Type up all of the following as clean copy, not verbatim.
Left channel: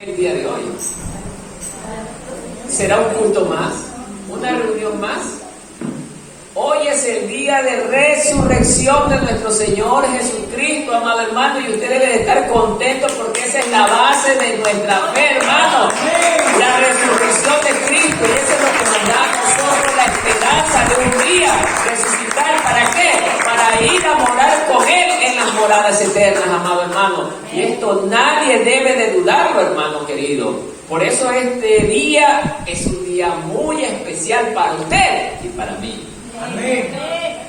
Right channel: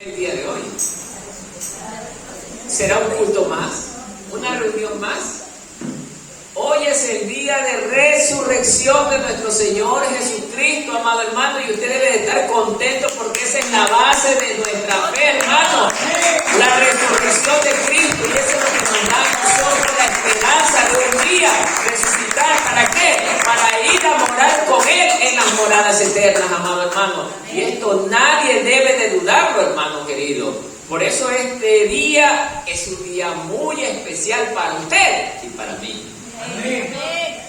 El día de hoy será un culto más, una reunión más. Hoy es el día de resurrección de nuestro Señor Jesucristo, amado hermano, y usted debe de estar contento porque esa es la base de nuestra fe, hermano. La resurrección de Cristo, y eso es lo que nos da a nosotros la esperanza de un día resucitar. ¿Para qué? Para ir a morar con Él en las moradas eternas, amado hermano. Y esto nadie debe de dudarlo, hermano querido. Por eso este día es un día muy especial para usted y para mí. Amén.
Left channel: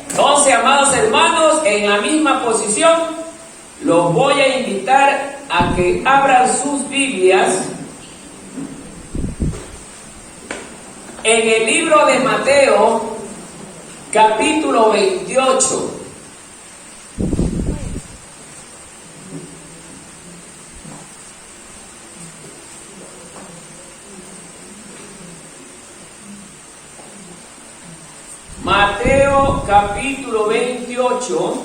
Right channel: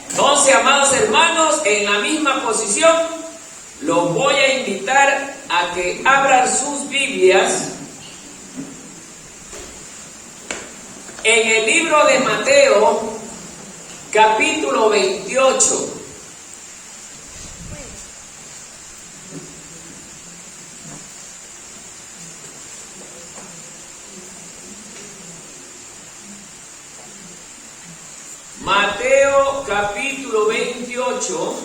Entonces, amados hermanos, en la misma posición, los voy a invitar a que abran sus Biblias en el libro de Mateo, capítulo 28. Mateo capítulo 28.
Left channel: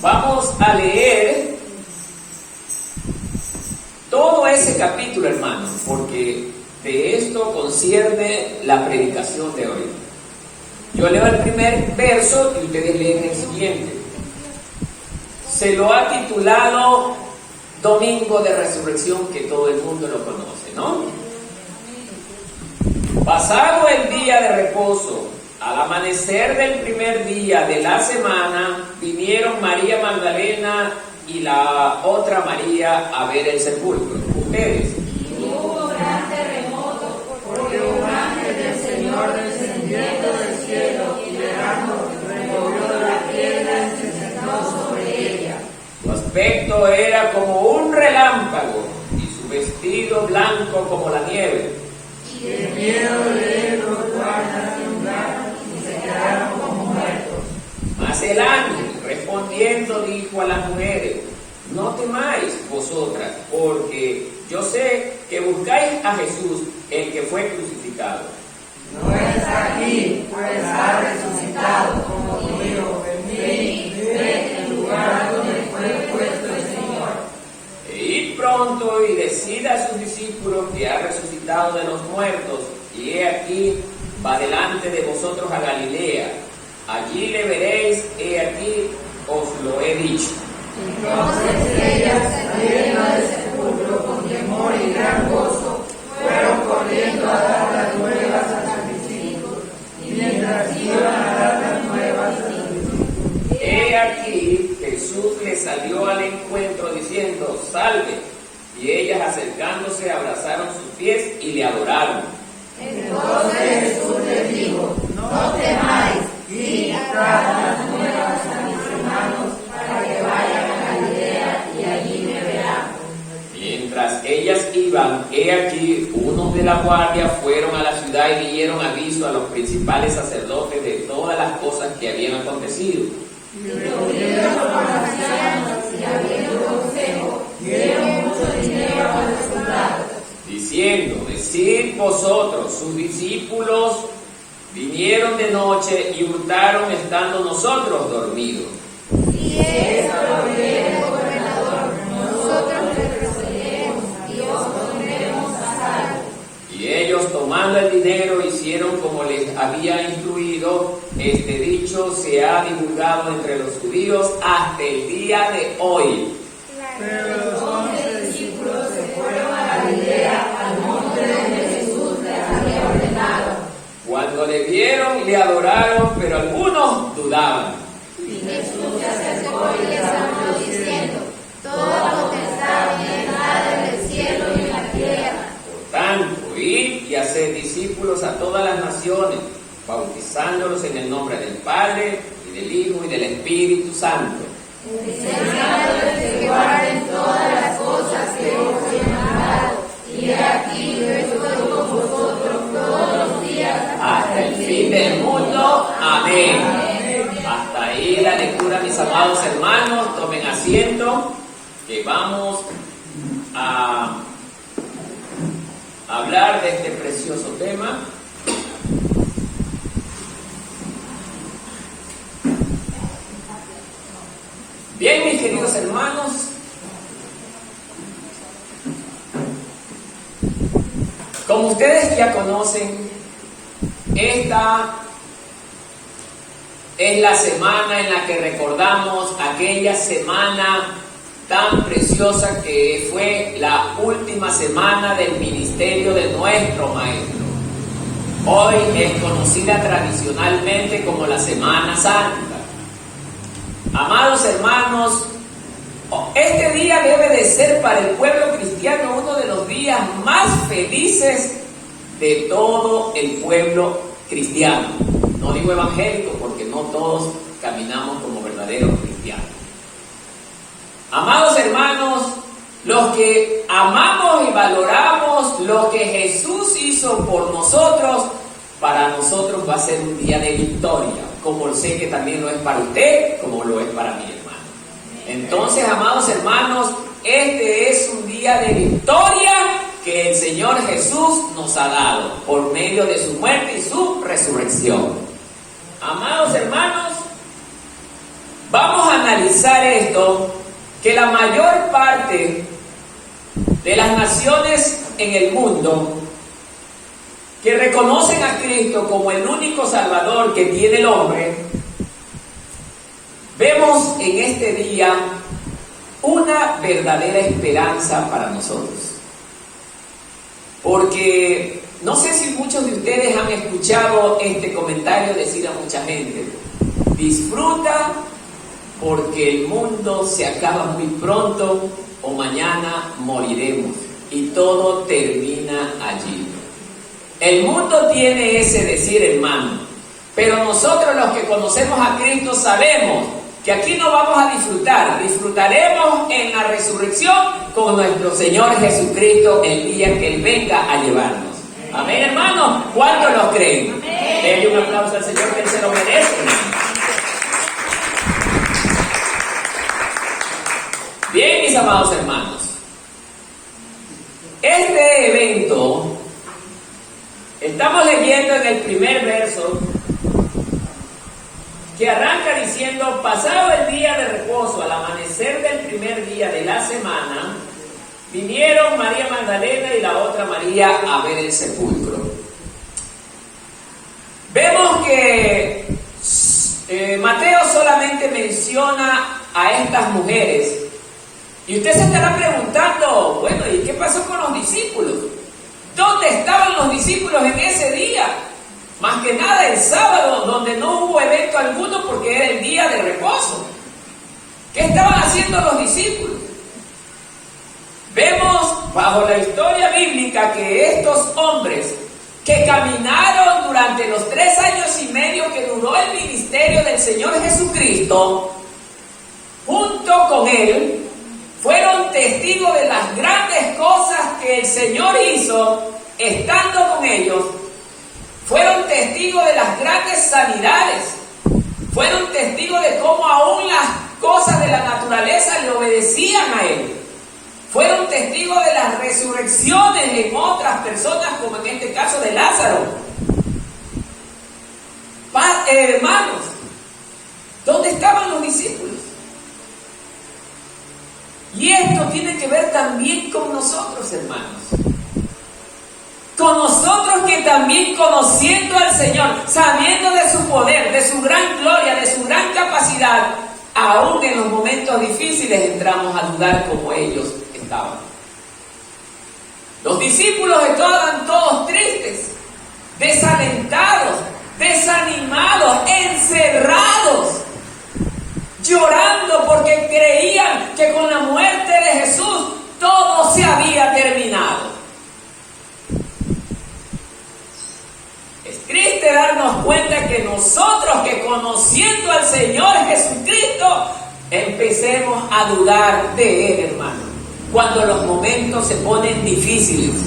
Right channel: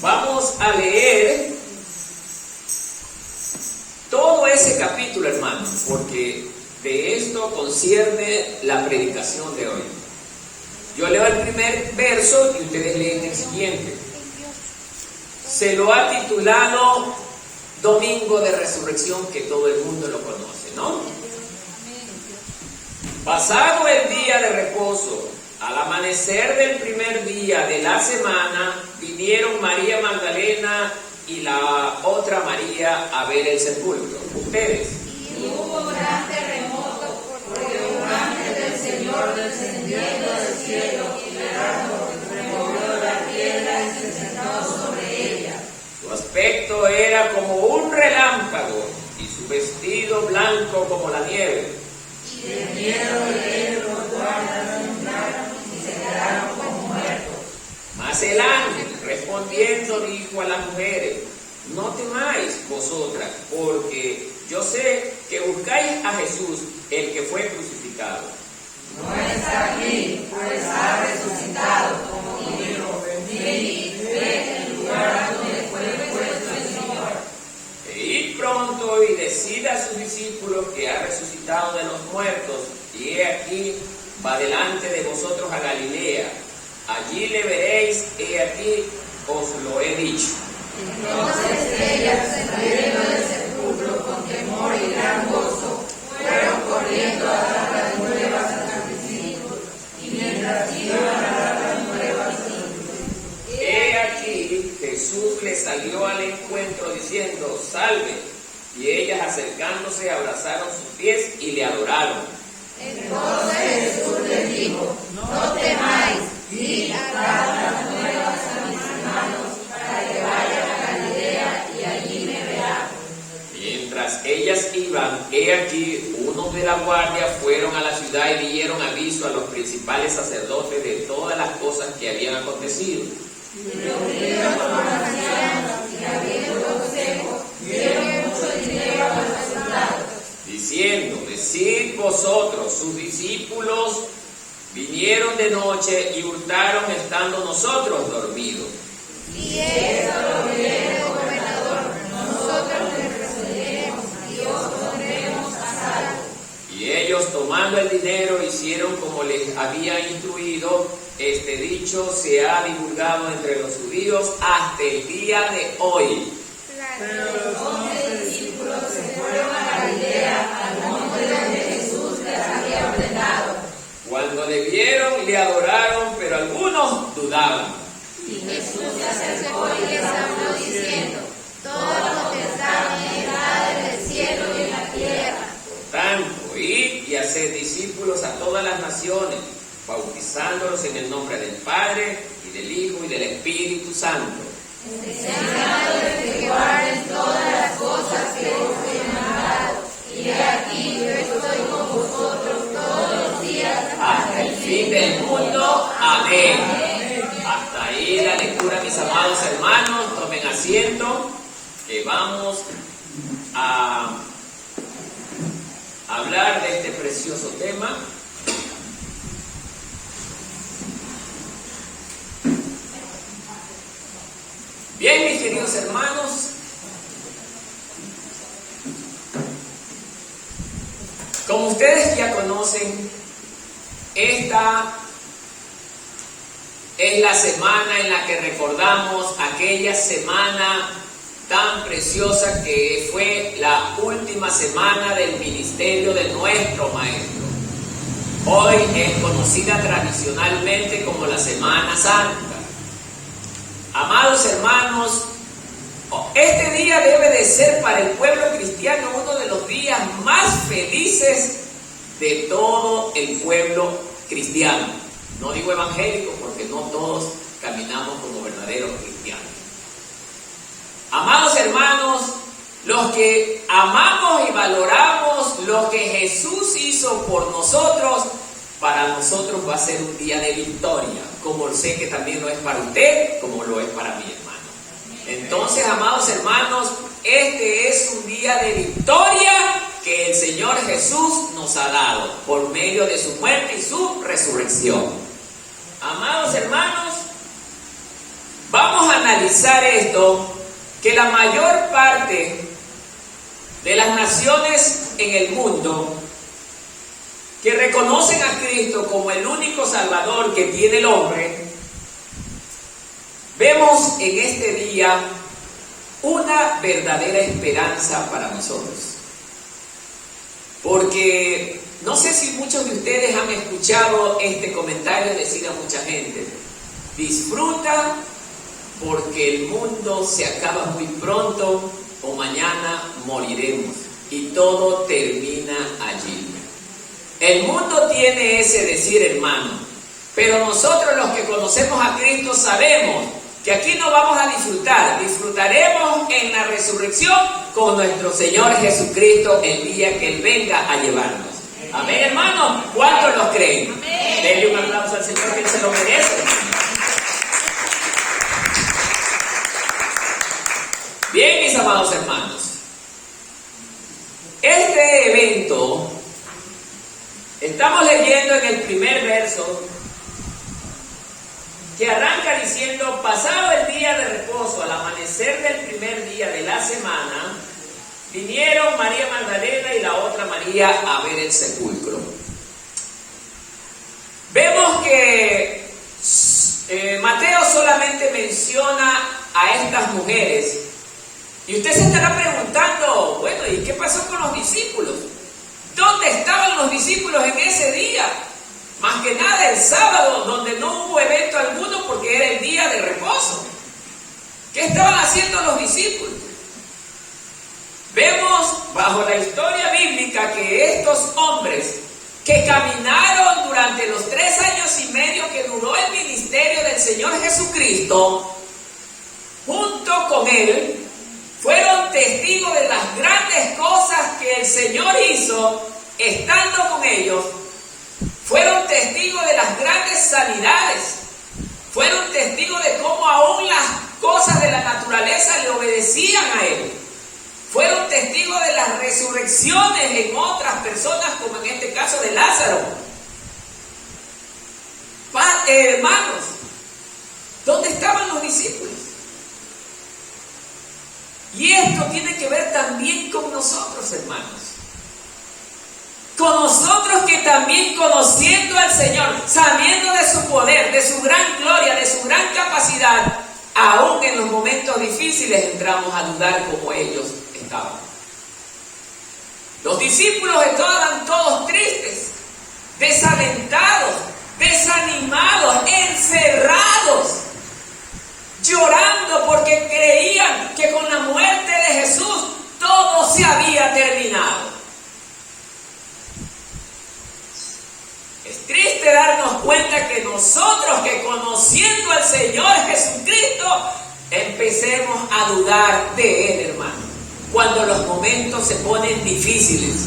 Vamos a leer todo ese capítulo, hermanos, porque de esto concierne la predicación de hoy. Yo leo el primer verso y ustedes leen el siguiente. Se lo ha titulado Domingo de Resurrección, que todo el mundo lo conoce, ¿no? Pasado el día de reposo, al amanecer del primer día de la semana, vinieron María Magdalena y la otra María a ver el sepulcro. ¿Ustedes? Y hubo un gran terremoto, porque un ángel del Señor descendiendo del cielo y llorando, removió la piedra y se sentó sobre ella. Su aspecto era como un relámpago y su vestido blanco como la nieve. Y de miedo de él los guardas temblaron y se quedaron como muertos. Mas el ángel respondiendo dijo a las mujeres: no temáis vosotras, porque yo sé que buscáis a Jesús, el que fue crucificado. No está aquí, pues ha resucitado, como dijo. Ve el lugar donde fue puesto el Señor. E id pronto y decid a sus discípulos que ha resucitado de los muertos, y he aquí, va delante de vosotros a Galilea. Allí le veréis, he aquí, os lo he dicho. Entonces ellas, saliendo del sepulcro con temor y gran gozo, fueron corriendo a dar las nuevas a sus discípulos. Y mientras iban a dar las nuevas a sus discípulos, He aquí, Jesús les salió al encuentro diciendo: salve. Y ellas, acercándose, abrazaron sus pies y le adoraron. entonces Jesús les dijo: no temáis, id a dar las nuevas a mis hermanos, para que vayan a Galilea y allí me verán. Mientras ellas iban, he aquí, unos de la guardia fueron a la ciudad y dieron aviso a los principales sacerdotes de todas las cosas que habían acontecido. Y reunidos con los ancianos y habiendo consejo, dieron mucho dinero a los soldados, Diciendo: decid vosotros, sus discípulos vinieron de noche y hurtaron estando nosotros dormidos. si esto lo oyere el gobernador, nosotros les resolveremos y os pondremos a salvo. Y ellos, tomando el dinero, hicieron como les había instruido. Este dicho se ha divulgado entre los judíos hasta el día de hoy. Pero los 11 discípulos se fueron a Galilea, al monte donde Jesús les había ordenado. Cuando le vieron, le adoraron, pero algunos dudaban. Y Jesús se acercó y les habló diciendo: toda potestad me es dada en el cielo y en la tierra. Por tanto, id y haced discípulos a todas las naciones, bautizándolos en el nombre del Padre, y del Hijo, y del Espíritu Santo. Enseñándoles que guarden todas las cosas que os he mandado. Y he aquí yo estoy con vosotros todos los días Hasta el fin del mundo. Amén. Hasta ahí la lectura, mis amados hermanos. Tomen asiento, que vamos a hablar de este precioso tema. queridos hermanos, como ustedes ya conocen, esta es la semana en la que recordamos aquella semana tan preciosa que fue la última semana del ministerio de nuestro Maestro. Hoy es conocida tradicionalmente como la Semana Santa. Amados hermanos, este día debe de ser para el pueblo cristiano uno de los días más felices de todo el pueblo cristiano. No digo evangélico porque no todos caminamos como verdaderos cristianos. Amados hermanos, los que amamos y valoramos lo que Jesús hizo por nosotros, para nosotros va a ser un día de victoria, como sé que también lo es para usted, como lo es para mi hermano. Entonces, amados hermanos, este es un día de victoria que el Señor Jesús nos ha dado por medio de su muerte y su resurrección. Amados hermanos, vamos a analizar esto, que la mayor parte de las naciones en el mundo que reconocen a Cristo como el único Salvador que tiene el hombre, vemos en este día una verdadera esperanza para nosotros. Porque no sé si muchos de ustedes han escuchado este comentario decir a mucha gente: disfruta porque el mundo se acaba muy pronto o mañana moriremos y todo termina allí. El mundo tiene ese decir, hermano, pero nosotros los que conocemos a Cristo sabemos que aquí no vamos a disfrutar, disfrutaremos en la resurrección con nuestro Señor Jesucristo el día que Él venga a llevarnos. Amén, hermano. ¿Cuántos lo creen? Denle un aplauso al Señor, que Él se lo merece, hermano. Bien, mis amados hermanos, este evento, estamos leyendo en el primer verso, que arranca diciendo: pasado el día de reposo, al amanecer del primer día de la semana, vinieron María Magdalena y la otra María a ver el sepulcro. Vemos que Mateo solamente menciona a estas mujeres. Y usted se estará preguntando: bueno, ¿y qué pasó con los discípulos? ¿Dónde estaban los discípulos en ese día? Más que nada el sábado, donde no hubo evento alguno porque era el día de reposo. ¿Qué estaban haciendo los discípulos? Vemos bajo la historia bíblica que estos hombres que caminaron durante los 3 años y medio que duró el ministerio del Señor Jesucristo, junto con Él, fueron testigos de las grandes cosas que el Señor hizo estando con ellos. Fueron testigos de las grandes sanidades. Fueron testigos de cómo aún las cosas de la naturaleza le obedecían a Él. Fueron testigos de las resurrecciones en otras personas, como en este caso de Lázaro. Hermanos, ¿dónde estaban los discípulos? Y esto tiene que ver también con nosotros, hermanos. Con nosotros que también, conociendo al Señor, sabiendo de su poder, de su gran gloria, de su gran capacidad, aún en los momentos difíciles entramos a dudar como ellos estaban. Los discípulos estaban todos tristes, desalentados, desanimados, encerrados, llorando porque creían que con la muerte de Jesús todo se había terminado. Es triste darnos cuenta que nosotros, que conociendo al Señor Jesucristo, empecemos a dudar de Él, hermano, cuando los momentos se ponen difíciles.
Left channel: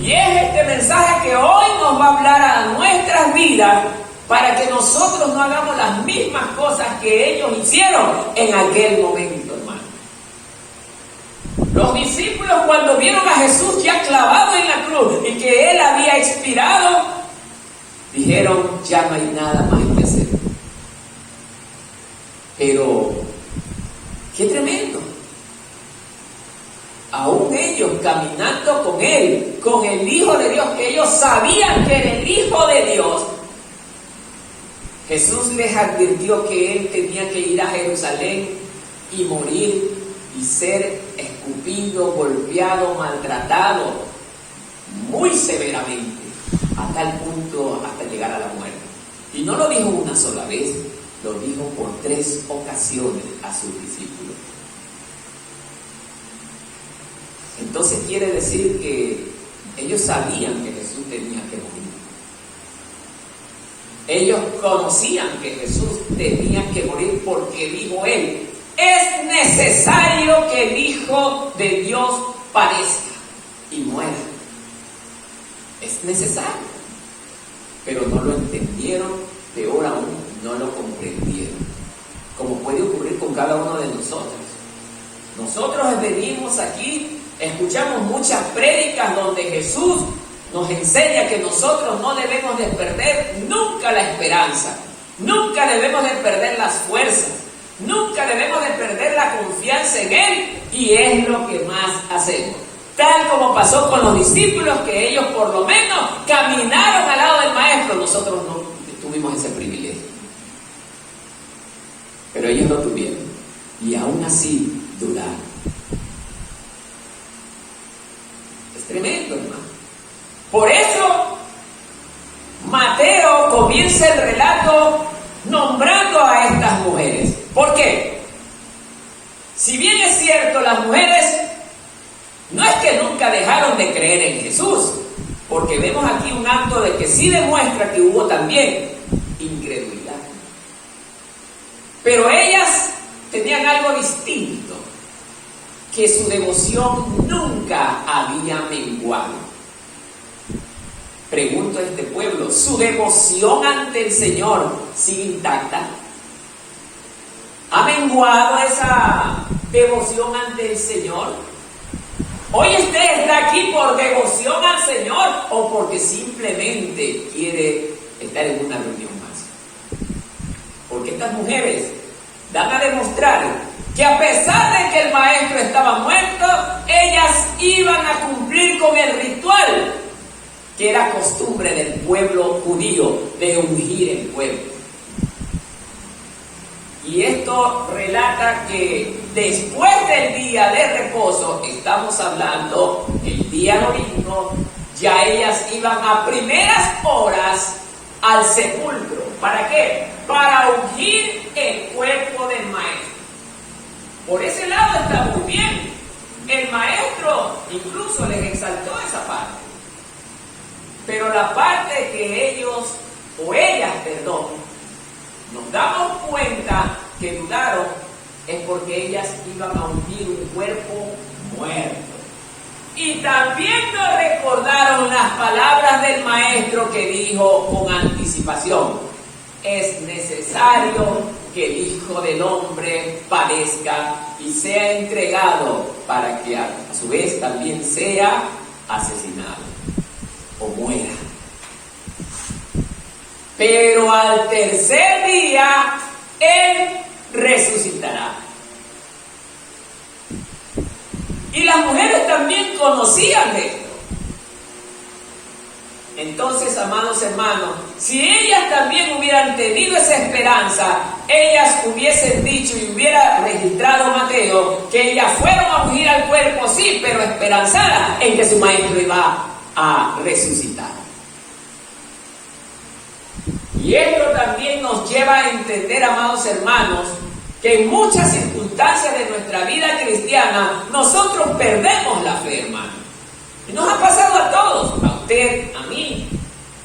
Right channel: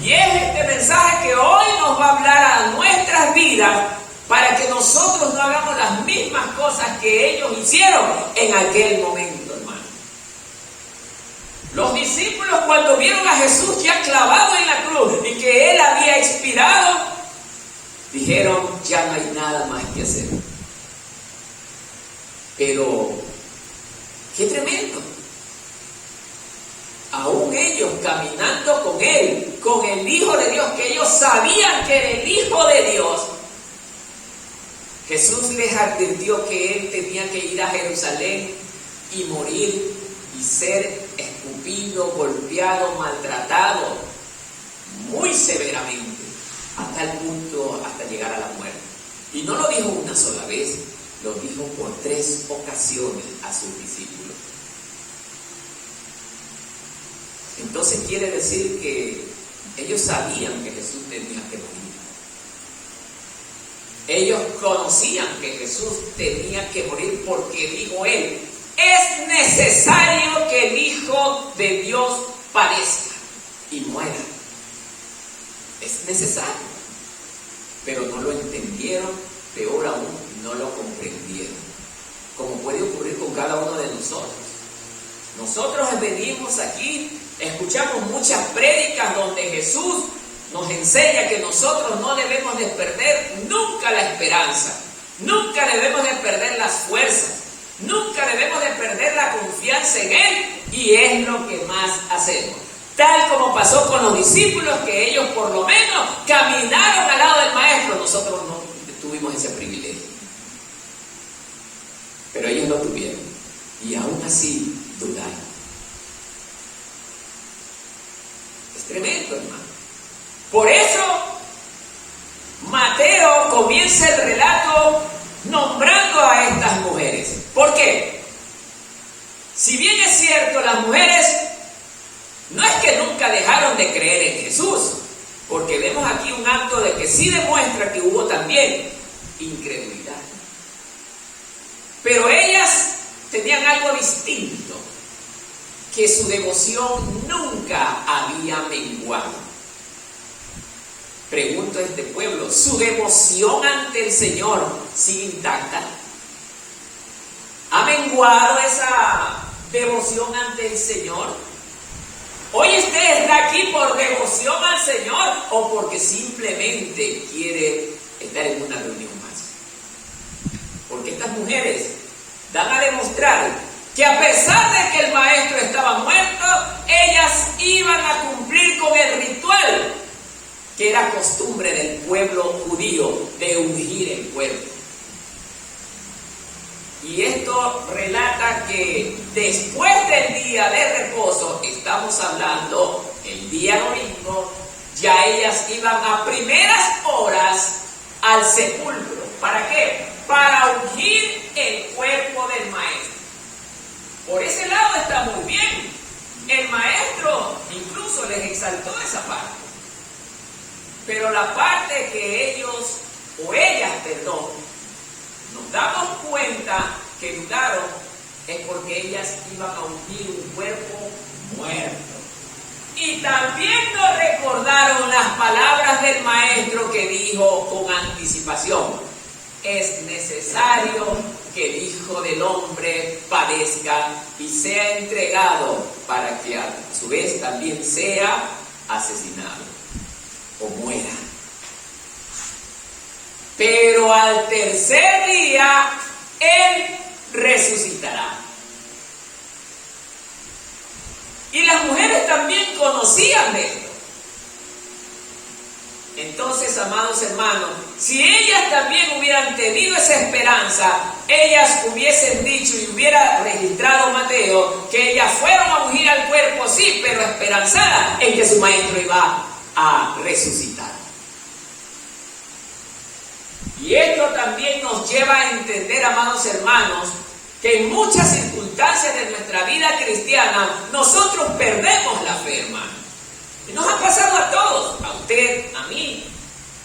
Y es este mensaje que hoy nos va a hablar a nuestras vidas, para que nosotros no hagamos las mismas cosas que ellos hicieron en aquel momento, hermano. Los discípulos, cuando vieron a Jesús ya clavado en la cruz y que Él había expirado, dijeron: ya no hay nada más que hacer. Pero Jesús les advirtió que él tenía que ir a Jerusalén y morir y ser escupido, golpeado, maltratado muy severamente, a tal punto hasta llegar a la muerte. Y no lo dijo una sola vez, lo dijo por 3 ocasiones a sus discípulos. Entonces quiere decir que ellos sabían que Jesús tenía que morir. Ellos conocían que Jesús tenía que morir porque dijo él: es necesario que el Hijo de Dios padezca y muera. Es necesario. Pero no lo entendieron, peor aún, no lo comprendieron. Como puede ocurrir con cada uno de nosotros. Nosotros venimos aquí, escuchamos muchas prédicas donde Jesús nos enseña que nosotros no debemos de perder nunca la esperanza, nunca debemos de perder las fuerzas, nunca debemos de perder la confianza en Él, y es lo que más hacemos. Tal como pasó con los discípulos, que ellos por lo menos caminaron al lado del Maestro, nosotros no tuvimos ese privilegio. Pero ellos lo tuvieron, y aún así dudaron. Es tremendo, hermano. Por eso Mateo comienza el relato nombrando a estas mujeres. ¿Por qué? Si bien es cierto, las mujeres no es que nunca dejaron de creer en Jesús, porque vemos aquí un acto de que sí demuestra que hubo también incredulidad. Pero ellas tenían algo distinto, que su devoción nunca había menguado. Pregunto a este pueblo, ¿su devoción ante el Señor sigue intacta? ¿Ha menguado esa devoción ante el Señor? ¿Hoy usted está aquí por devoción al Señor o porque simplemente quiere estar en una reunión más? Porque estas mujeres dan a demostrar que a pesar de que el Maestro estaba muerto, ellas iban a cumplir con el ritual que era costumbre del pueblo judío de ungir el cuerpo. Y esto relata que después del día de reposo, estamos hablando el día domingo, ya ellas iban a primeras horas al sepulcro. ¿Para qué? Para ungir el cuerpo del Maestro. Por ese lado está muy bien. El Maestro incluso les exaltó esa parte. Pero la parte que ellos, o ellas, nos damos cuenta que dudaron, es porque ellas iban a ungir un cuerpo muerto. Y también nos recordaron las palabras del Maestro que dijo con anticipación: es necesario que el Hijo del Hombre padezca y sea entregado para que a su vez también sea asesinado o muera. Pero al tercer día Él resucitará. Y las mujeres también conocían esto. Entonces, amados hermanos, si ellas también hubieran tenido esa esperanza, ellas hubiesen dicho y hubiera registrado Mateo que ellas fueron a ungir al cuerpo, sí, pero esperanzadas en que su Maestro iba a resucitar. Y esto también nos lleva a entender, amados hermanos, que en muchas circunstancias de nuestra vida cristiana nosotros perdemos la fe, hermano. Y nos ha pasado a todos, a usted, a mí,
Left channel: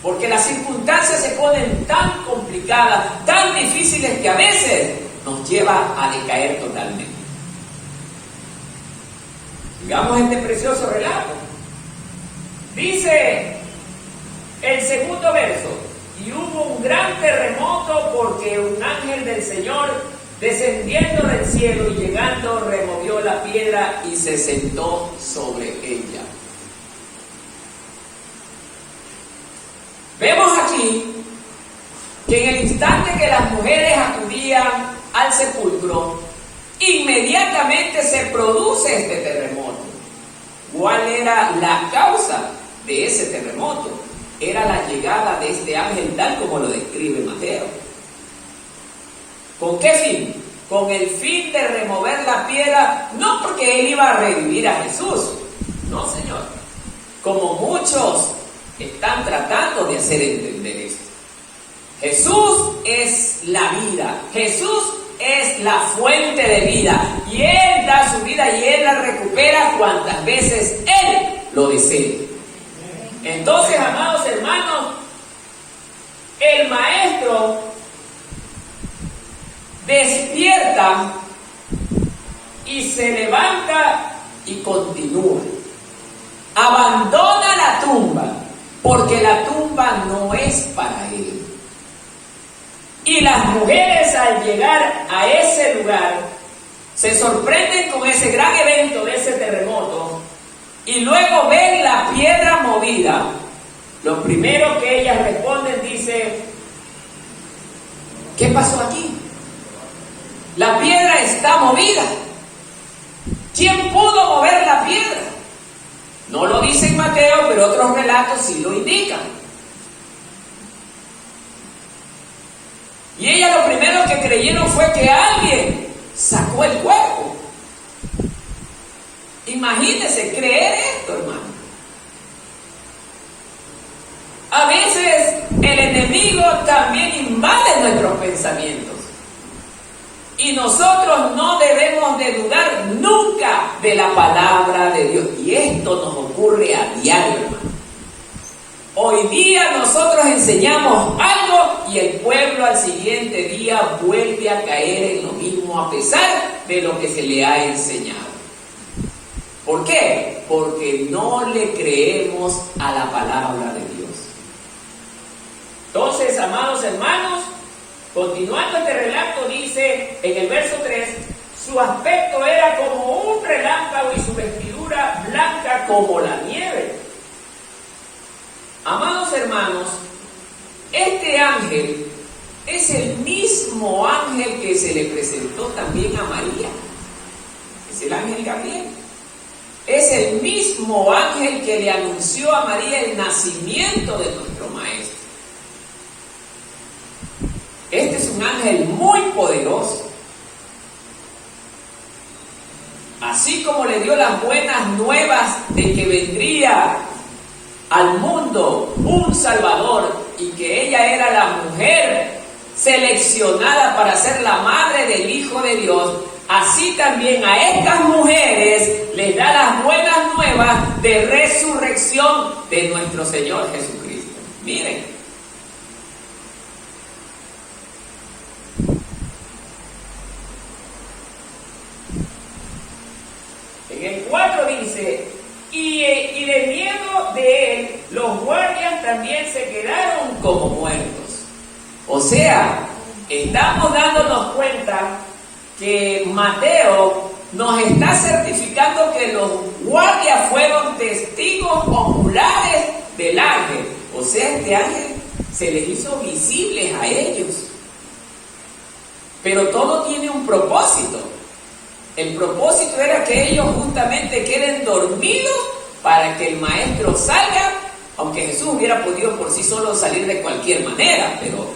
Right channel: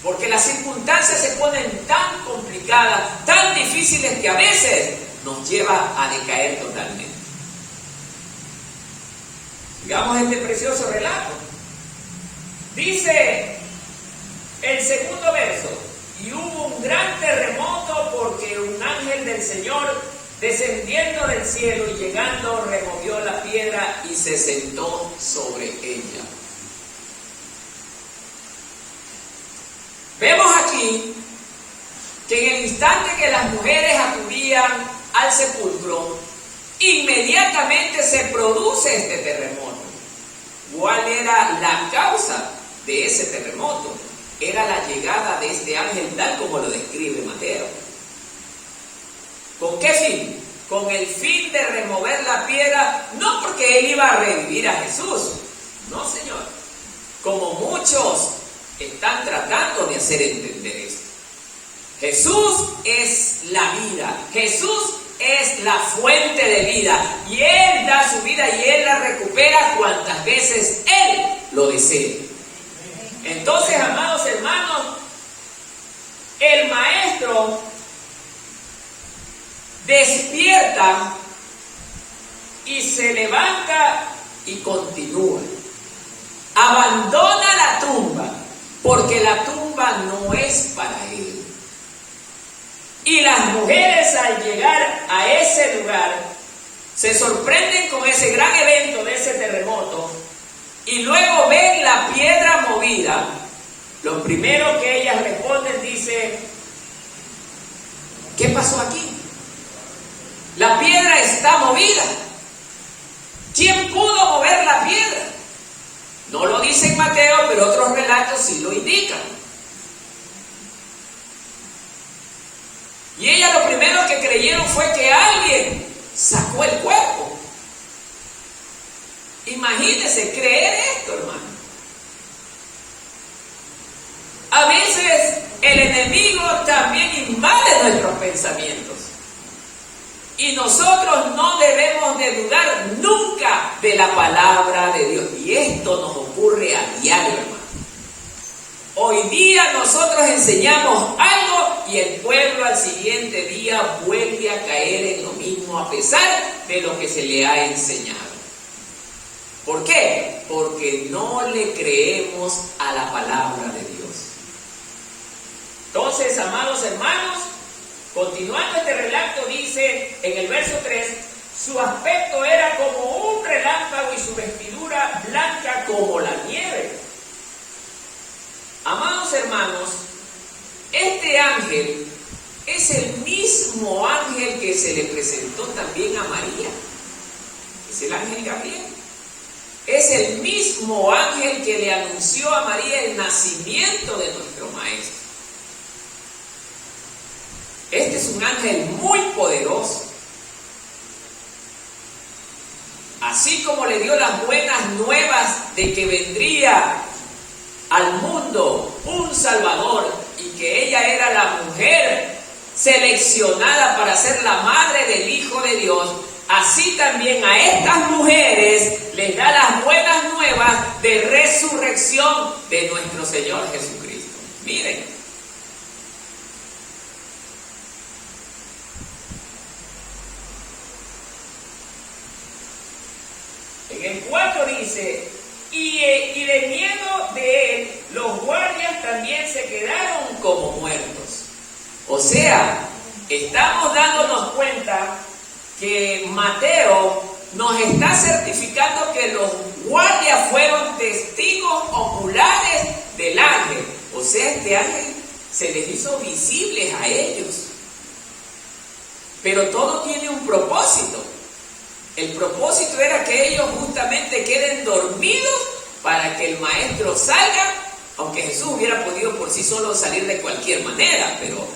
porque las circunstancias se ponen tan complicadas, tan difíciles, que a veces nos lleva a decaer totalmente. Sigamos este precioso relato. Dice el segundo verso: y hubo un gran terremoto, porque un ángel del Señor, descendiendo del cielo y llegando, removió la piedra y se sentó sobre ella. Vemos aquí que en el instante que las mujeres acudían al sepulcro, inmediatamente se produce este terremoto. ¿Cuál era la causa de ese terremoto? Era la llegada de este ángel, tal como lo describe Mateo. ¿Con qué fin? Con el fin de remover la piedra, no porque él iba a revivir a Jesús, no, Señor, como muchos están tratando de hacer entender esto. Jesús es la vida, Jesús es la fuente de vida, y Él da su vida y Él la recupera cuantas veces Él lo desee. Entonces, amados hermanos, el Maestro despierta y se levanta y continúa. Abandona la tumba, porque la tumba no es para Él. Y las mujeres, al llegar a ese lugar, se sorprenden con ese gran evento de ese terremoto, y luego ven la piedra movida. Lo primero que ellas responden, dice: ¿qué pasó aquí? La piedra está movida. ¿Quién pudo mover la piedra? No lo dice en Mateo, pero otros relatos sí lo indican. Y ellas lo primero que creyeron fue que alguien sacó el cuerpo. Imagínense creer esto, hermano. A veces el enemigo también invade nuestros pensamientos. Y nosotros no debemos de dudar nunca de la palabra de Dios. Y esto nos ocurre a diario, hermano. Hoy día nosotros enseñamos algo y el pueblo al siguiente día vuelve a caer en lo mismo a pesar de lo que se le ha enseñado. ¿Por qué? Porque no le creemos a la palabra de Dios. Entonces, amados hermanos, continuando este relato, dice en el verso 3, su aspecto era como un relámpago y su vestidura blanca como la nieve. Amados hermanos, este ángel es el mismo ángel que se le presentó también a María. Es el ángel Gabriel. Es el mismo ángel que le anunció a María el nacimiento de nuestro Maestro. Este es un ángel muy poderoso. Así como le dio las buenas nuevas de que vendría al mundo un Salvador y que ella era la mujer seleccionada para ser la madre del Hijo de Dios, así también a estas mujeres les da las buenas nuevas de resurrección de nuestro Señor Jesucristo. Miren. En el 4 dice: y de miedo de él, los guardias también se quedaron como muertos. O sea, estamos dándonos cuenta que Mateo nos está certificando que los guardias fueron testigos oculares del ángel. O sea, este ángel se les hizo visibles a ellos. Pero todo tiene un propósito. El propósito era que ellos justamente queden dormidos para que el Maestro salga, aunque Jesús hubiera podido por sí solo salir de cualquier manera, pero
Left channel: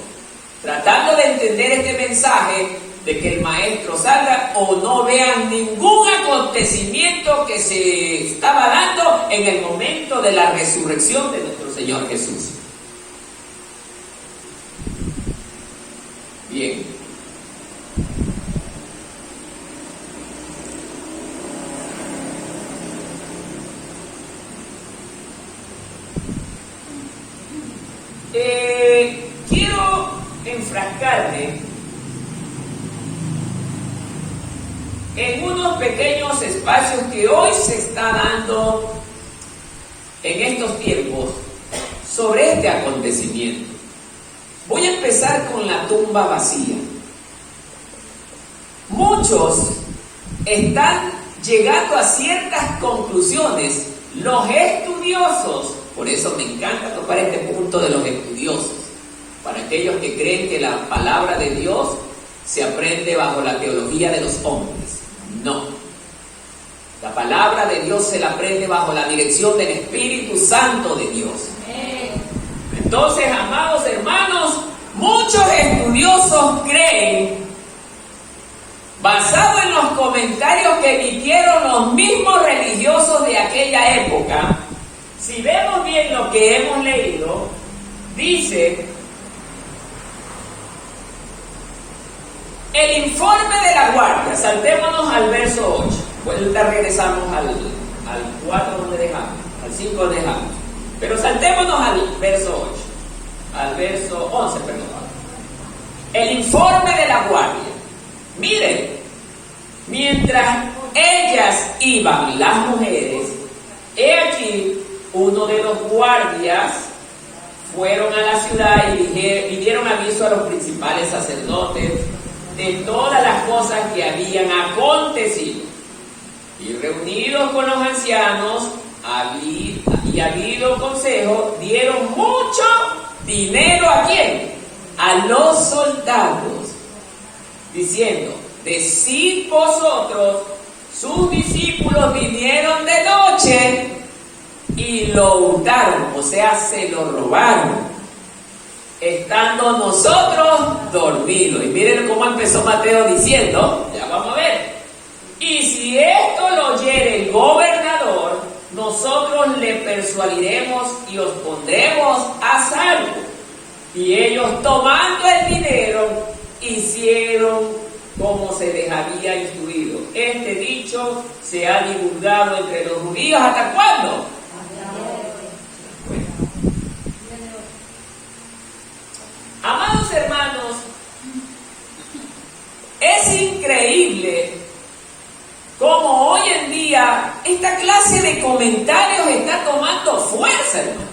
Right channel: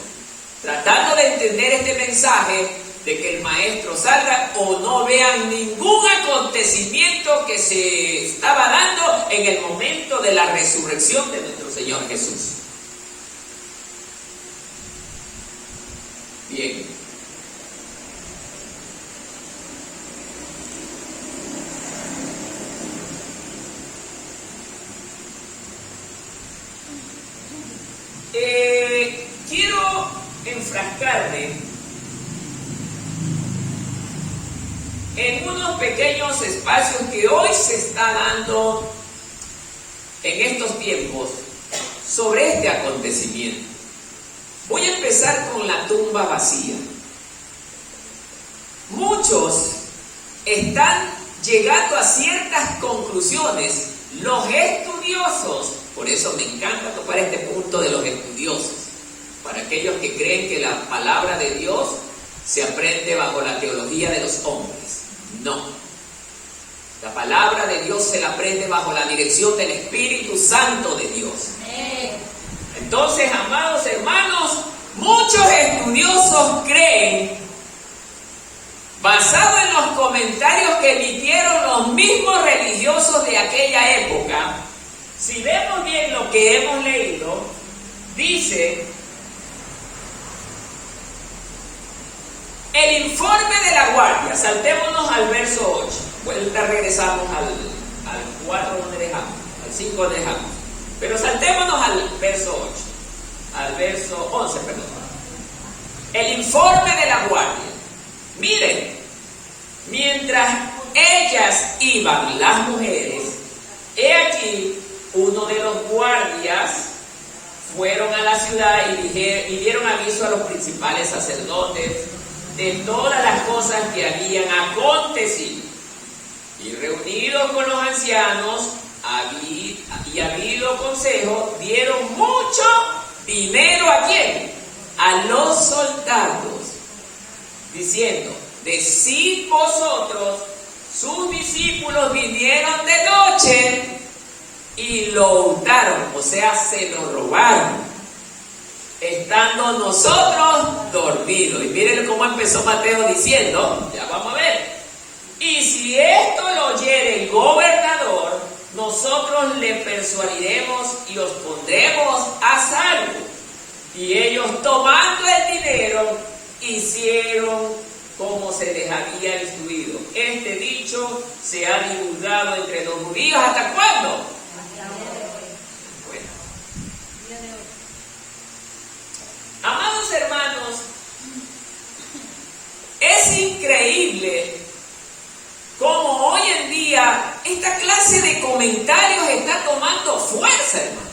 tratando de entender este mensaje de que el Maestro salga o no vean ningún acontecimiento que se estaba dando en el momento de la resurrección de nuestro Señor Jesús. Bien. Quiero enfrascarme en unos pequeños espacios que hoy se está dando en estos tiempos sobre este acontecimiento. Voy a empezar con la tumba vacía. Muchos están llegando a ciertas conclusiones. Los estudiosos, por eso me encanta tocar este punto de los estudiosos, para aquellos que creen que la palabra de Dios se aprende bajo la teología de los hombres. No. La palabra de Dios se la aprende bajo la dirección del Espíritu Santo de Dios. Entonces, amados hermanos, muchos estudiosos creen basado en los comentarios que emitieron los mismos religiosos de aquella época, si vemos bien lo que hemos leído, dice: el informe de la guardia. Saltémonos al verso 8. Vuelta, regresamos al 4 donde dejamos, al 5 donde dejamos. Pero saltémonos al verso 8, al verso 11, perdón. El informe de la guardia. Miren, mientras ellas iban, las mujeres, he aquí, uno de los guardias fueron a la ciudad y dieron aviso a los principales sacerdotes de todas las cosas que habían acontecido. Y reunidos con los ancianos y habido consejo, dieron mucho dinero ¿a quién? A los soldados, diciendo: decid vosotros, sus discípulos vinieron de noche y lo hurtaron, o sea, se lo robaron, estando nosotros dormidos. Y miren cómo empezó Mateo diciendo, ya vamos a ver: y si esto lo oyere el gobernador, nosotros le persuadiremos y os pondremos a salvo. Y ellos, tomando el dinero, hicieron como se les había instruido. Este dicho se ha divulgado entre los judíos, ¿hasta cuándo? Bueno. Amados hermanos, es increíble cómo hoy en día esta clase de comentarios está tomando fuerza, hermano.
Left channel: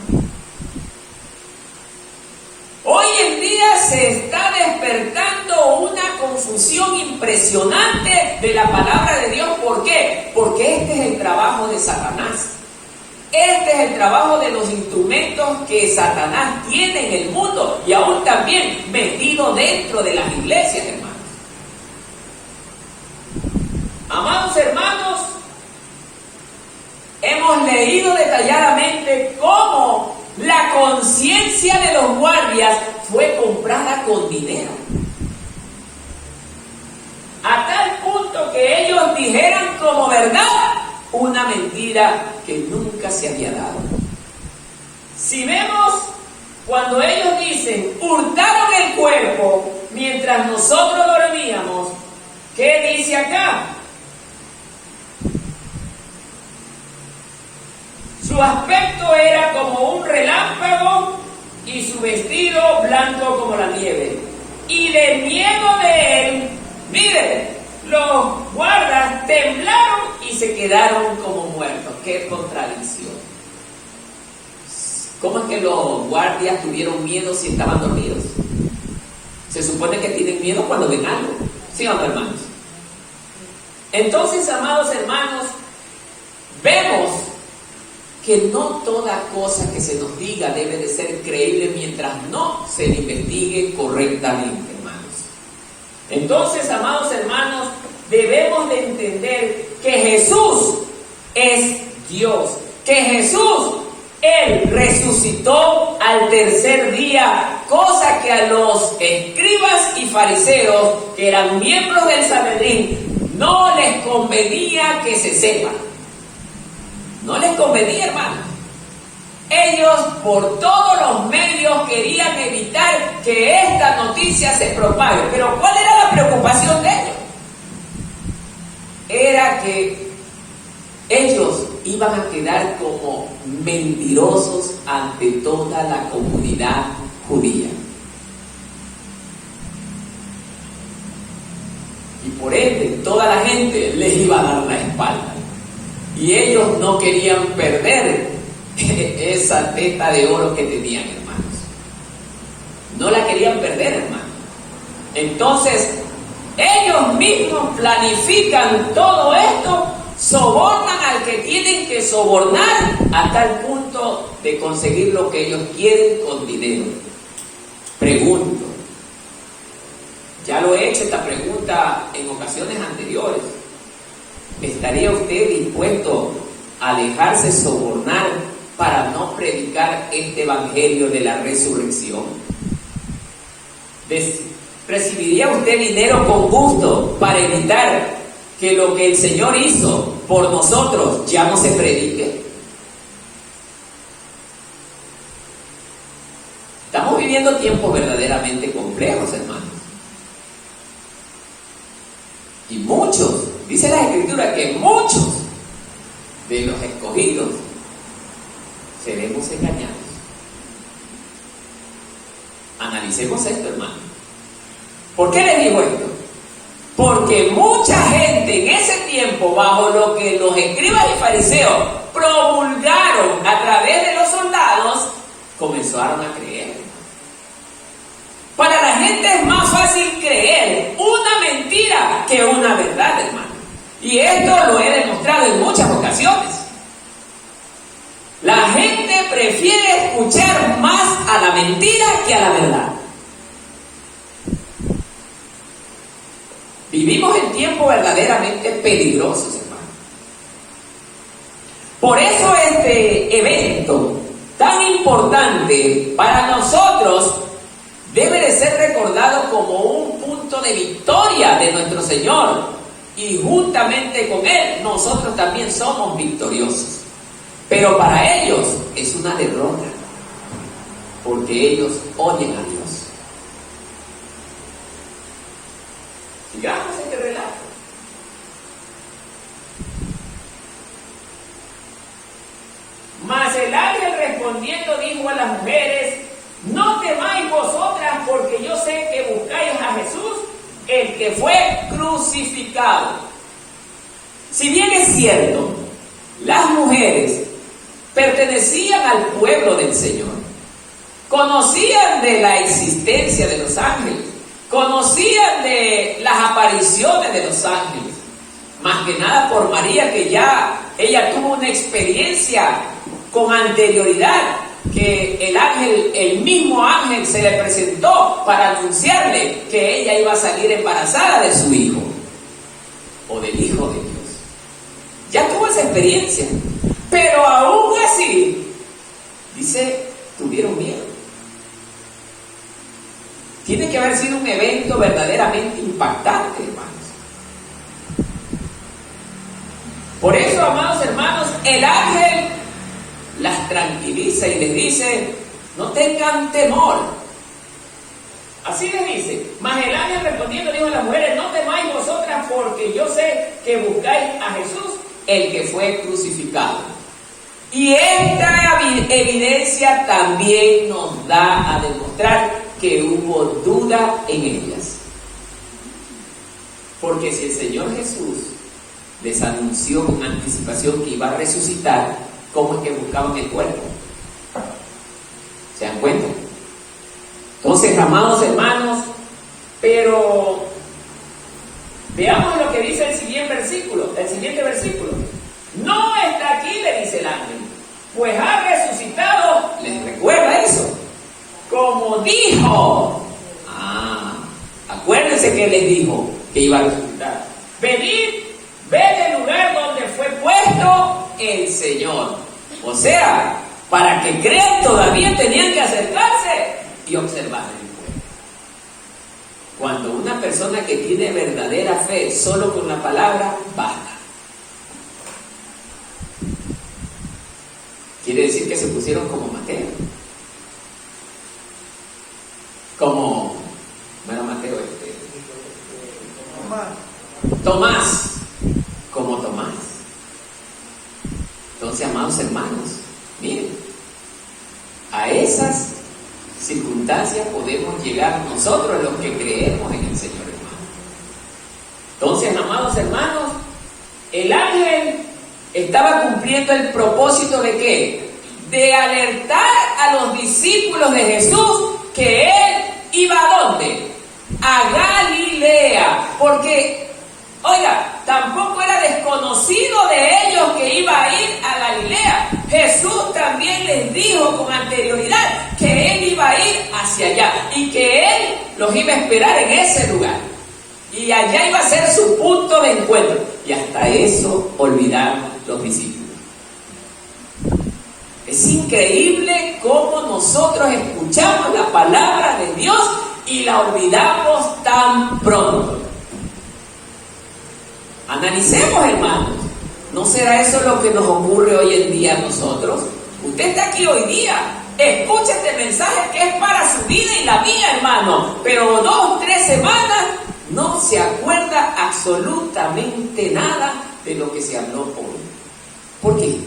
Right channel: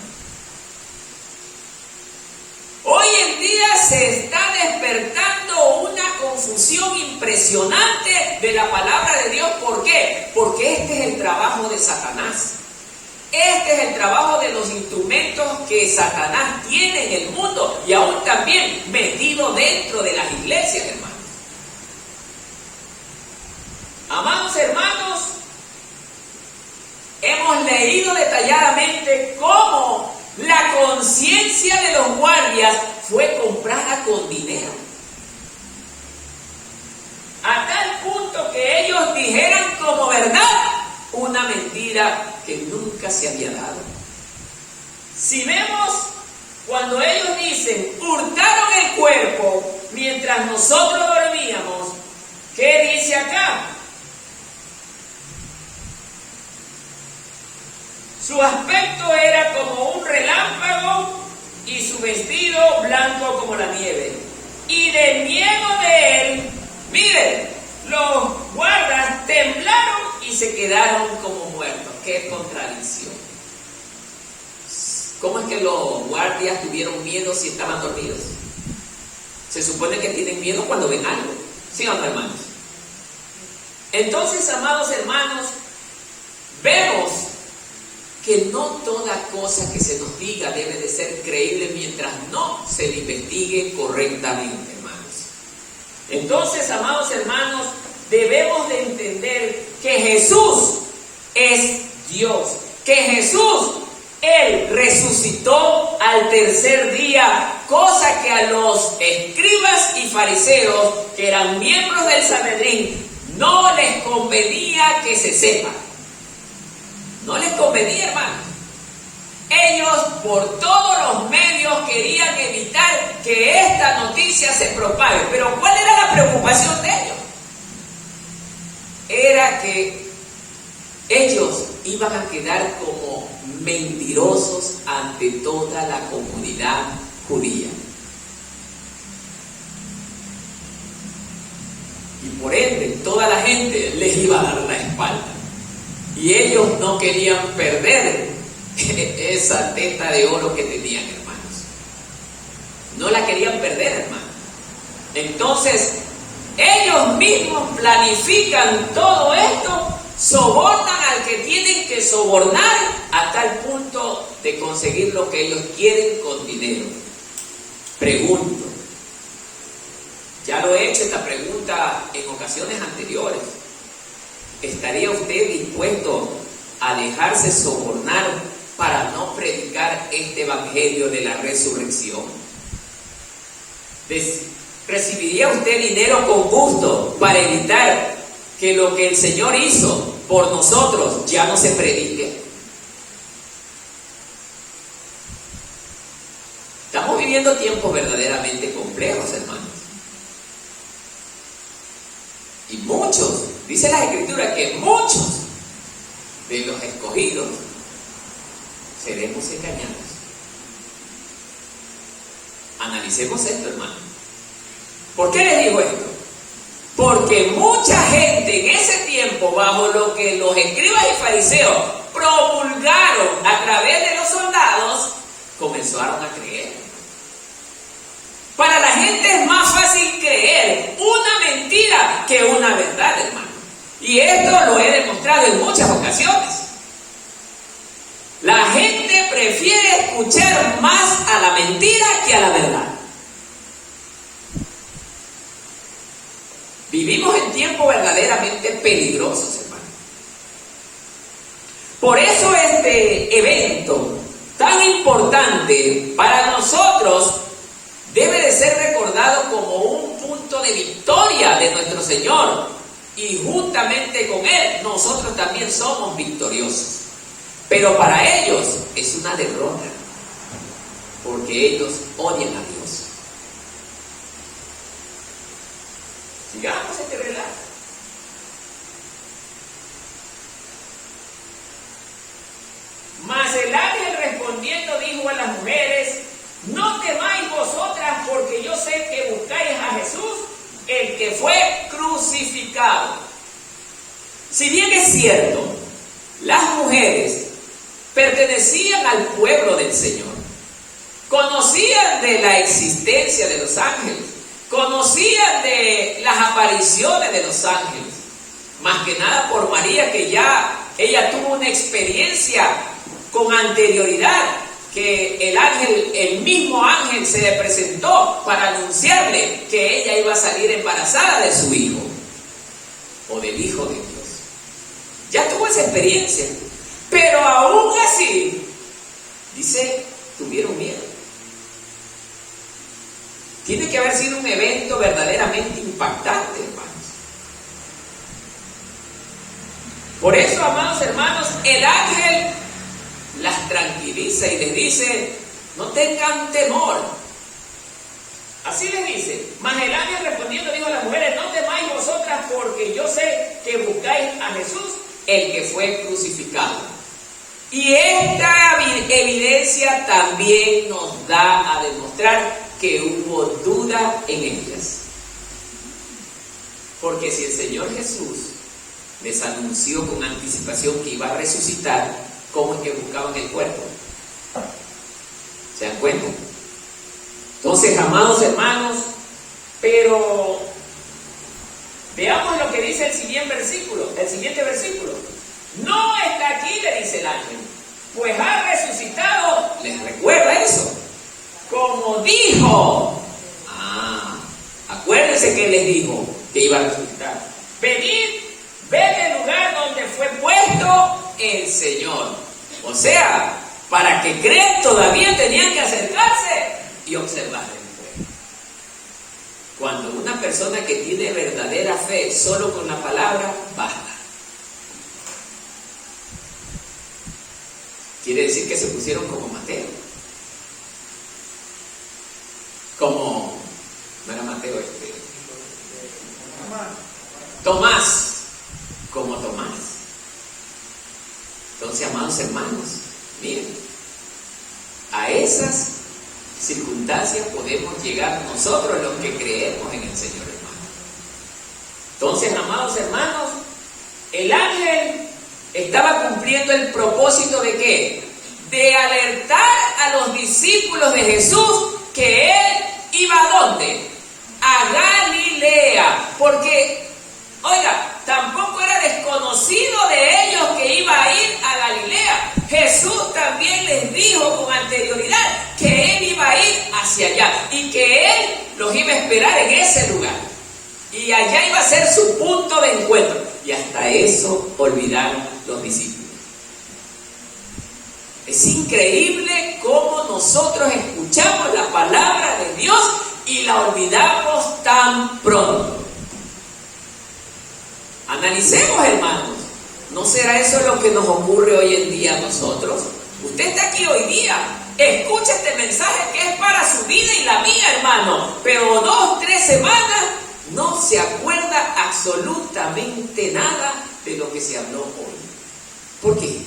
Hoy en día se está despertando una confusión impresionante de la palabra de Dios. ¿Por qué? Porque este es el trabajo de Satanás. Este es el trabajo de los instrumentos que Satanás tiene en el mundo y aún también metido dentro de las iglesias, hermanos. Amados hermanos, hemos leído detalladamente cómo la conciencia de los guardias fue comprada con dinero. A tal punto que ellos dijeran como verdad una mentira que nunca se había dado. Si vemos, cuando ellos dicen, hurtaron el cuerpo mientras nosotros dormíamos, ¿qué dice acá? Su aspecto era como un relámpago y su vestido blanco como la nieve. Y de miedo de él, miren, los guardas temblaron y se quedaron como muertos. ¡Qué contradicción! ¿Cómo es que los guardias tuvieron miedo si estaban dormidos? Se supone que tienen miedo cuando ven algo. ¿Sí o no, hermanos? Entonces, amados hermanos, vemos que no toda cosa que se nos diga debe de ser creíble mientras no se le investigue correctamente, hermanos. Entonces, amados hermanos, debemos de entender que Jesús es Dios, que Jesús, Él resucitó al tercer día, cosa que a los escribas y fariseos, que eran miembros del Sanedrín, no les convenía que se sepa. No les convenía, hermano. Ellos por todos los medios querían evitar que esta noticia se propague. Pero ¿cuál era la preocupación de ellos? Era que ellos iban a quedar como mentirosos ante toda la comunidad judía. Y por ende, toda la gente les iba a dar la espalda. Y ellos no querían perder esa teta de oro que tenían, hermanos. No la querían perder, hermanos. Entonces, ellos mismos planifican todo esto, sobornan al que tienen que sobornar a tal punto de conseguir lo que ellos quieren con dinero. Pregunto, ya lo he hecho esta pregunta en ocasiones anteriores. ¿Estaría usted dispuesto a dejarse sobornar para no predicar este evangelio de la resurrección? ¿Recibiría usted dinero con gusto para evitar que lo que el Señor hizo por nosotros ya no se predique? Estamos viviendo tiempos verdaderamente complejos, hermanos. Y muchos, dice la Escritura, que muchos de los escogidos seremos engañados. Analicemos esto, hermano. ¿Por qué les digo esto? Porque mucha gente en ese tiempo, bajo lo que los escribas y fariseos promulgaron a través de los soldados, comenzaron a creer. Para la gente es más fácil creer una mentira que una verdad, hermano. Y esto lo he demostrado en muchas ocasiones. La gente prefiere escuchar más a la mentira que a la verdad. Vivimos en tiempos verdaderamente peligrosos, hermano. Por eso este evento tan importante para nosotros debe de ser recordado como un punto de victoria de nuestro Señor. Y juntamente con Él, nosotros también somos victoriosos. Pero para ellos es una derrota, porque ellos oyen a Dios. Sigamos este relato. Mas el ángel respondiendo dijo a las mujeres: no temáis vosotras, porque yo sé que buscáis a Jesús, el que fue crucificado. Si bien es cierto, las mujeres pertenecían al pueblo del Señor, conocían de la existencia de los ángeles, conocían de las apariciones de los ángeles, más que nada por María, que ya ella tuvo una experiencia con anterioridad, que el ángel, el mismo ángel se le presentó para anunciarle que ella iba a salir embarazada de su hijo, o del Hijo de Dios. Ya tuvo esa experiencia, pero aún así, dice, tuvieron miedo. Tiene que haber sido un evento verdaderamente impactante, hermanos. Por eso, amados hermanos, el ángel las tranquiliza y les dice: no tengan temor. Así les dice. Mas el ángel respondiendo dijo a las mujeres: no temáis vosotras, porque yo sé que buscáis a Jesús, el que fue crucificado. Y esta evidencia también nos da a demostrar que hubo duda en ellas. Porque si el Señor Jesús les anunció con anticipación que iba a resucitar, ¿cómo es que buscaban el cuerpo? ¿Se dan cuenta? Entonces, amados hermanos, pero veamos lo que dice el siguiente versículo. No está aquí, le dice el ángel, pues ha resucitado. ¿Les recuerda eso? Como dijo. Acuérdense que les dijo que iba a resucitar. Venid, ved el lugar donde fue puesto el Señor. O sea, para que crean todavía tenían que acercarse y observar el cuerpo. Cuando una persona que tiene verdadera fe solo con la palabra basta. Quiere decir que se pusieron como Mateo. Como, no era Mateo, Tomás. Como Tomás. Entonces, amados hermanos, miren, a esas circunstancias podemos llegar nosotros los que creemos en el Señor, hermano. Entonces, amados hermanos, el ángel estaba cumpliendo el propósito ¿de qué? De alertar a los discípulos de Jesús que Él iba ¿a dónde? A Galilea. Porque, oiga, tampoco era desconocido de ellos que iba a ir a Galilea. Jesús también les dijo con anterioridad que Él iba a ir hacia allá y que Él los iba a esperar en ese lugar. Y allá iba a ser su punto de encuentro. Y hasta eso olvidaron los discípulos. Es increíble cómo nosotros escuchamos la palabra de Dios y la olvidamos tan pronto. Analicemos, hermanos. ¿No será eso lo que nos ocurre hoy en día a nosotros? Usted está aquí hoy día, escucha este mensaje que es para su vida y la mía, hermano, pero 2 o 3 semanas no se acuerda absolutamente nada de lo que se habló hoy. ¿Por qué?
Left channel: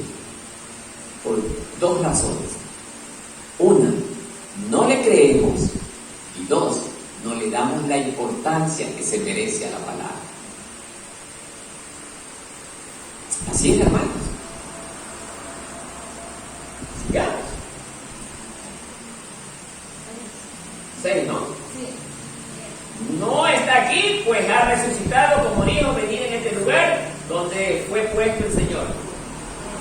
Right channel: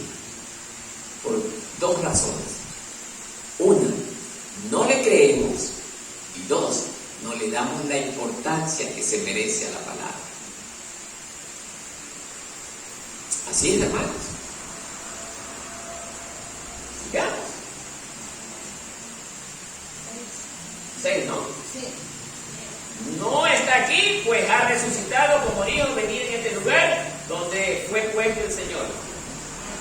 Por 2 razones. 1, no le creemos, y 2, no le damos la importancia que se merece a la palabra. Así es, hermanos. Sigamos. 6, ¿no? Sí. No está aquí, pues ha resucitado, como dijo, venir en este lugar donde fue puesto el Señor.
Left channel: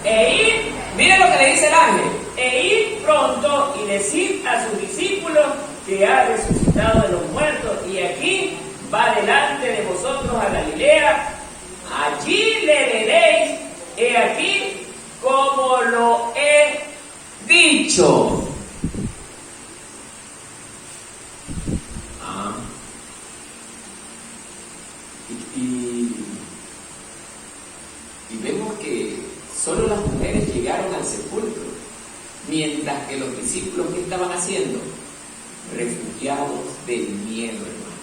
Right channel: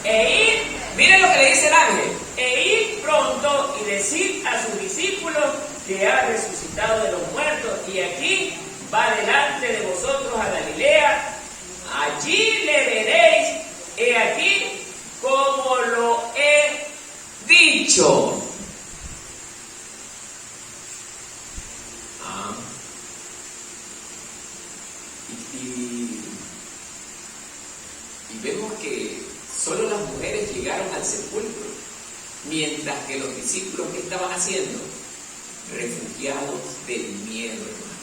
E ir, miren lo que le dice el ángel, e ir pronto y decir a sus discípulos que ha resucitado de los muertos, y aquí va delante de vosotros a Galilea. Allí le veréis, he aquí como lo he dicho. Y vemos que solo las mujeres llegaron al sepulcro, mientras que los discípulos, ¿qué estaban haciendo? Refugiados del miedo, hermano.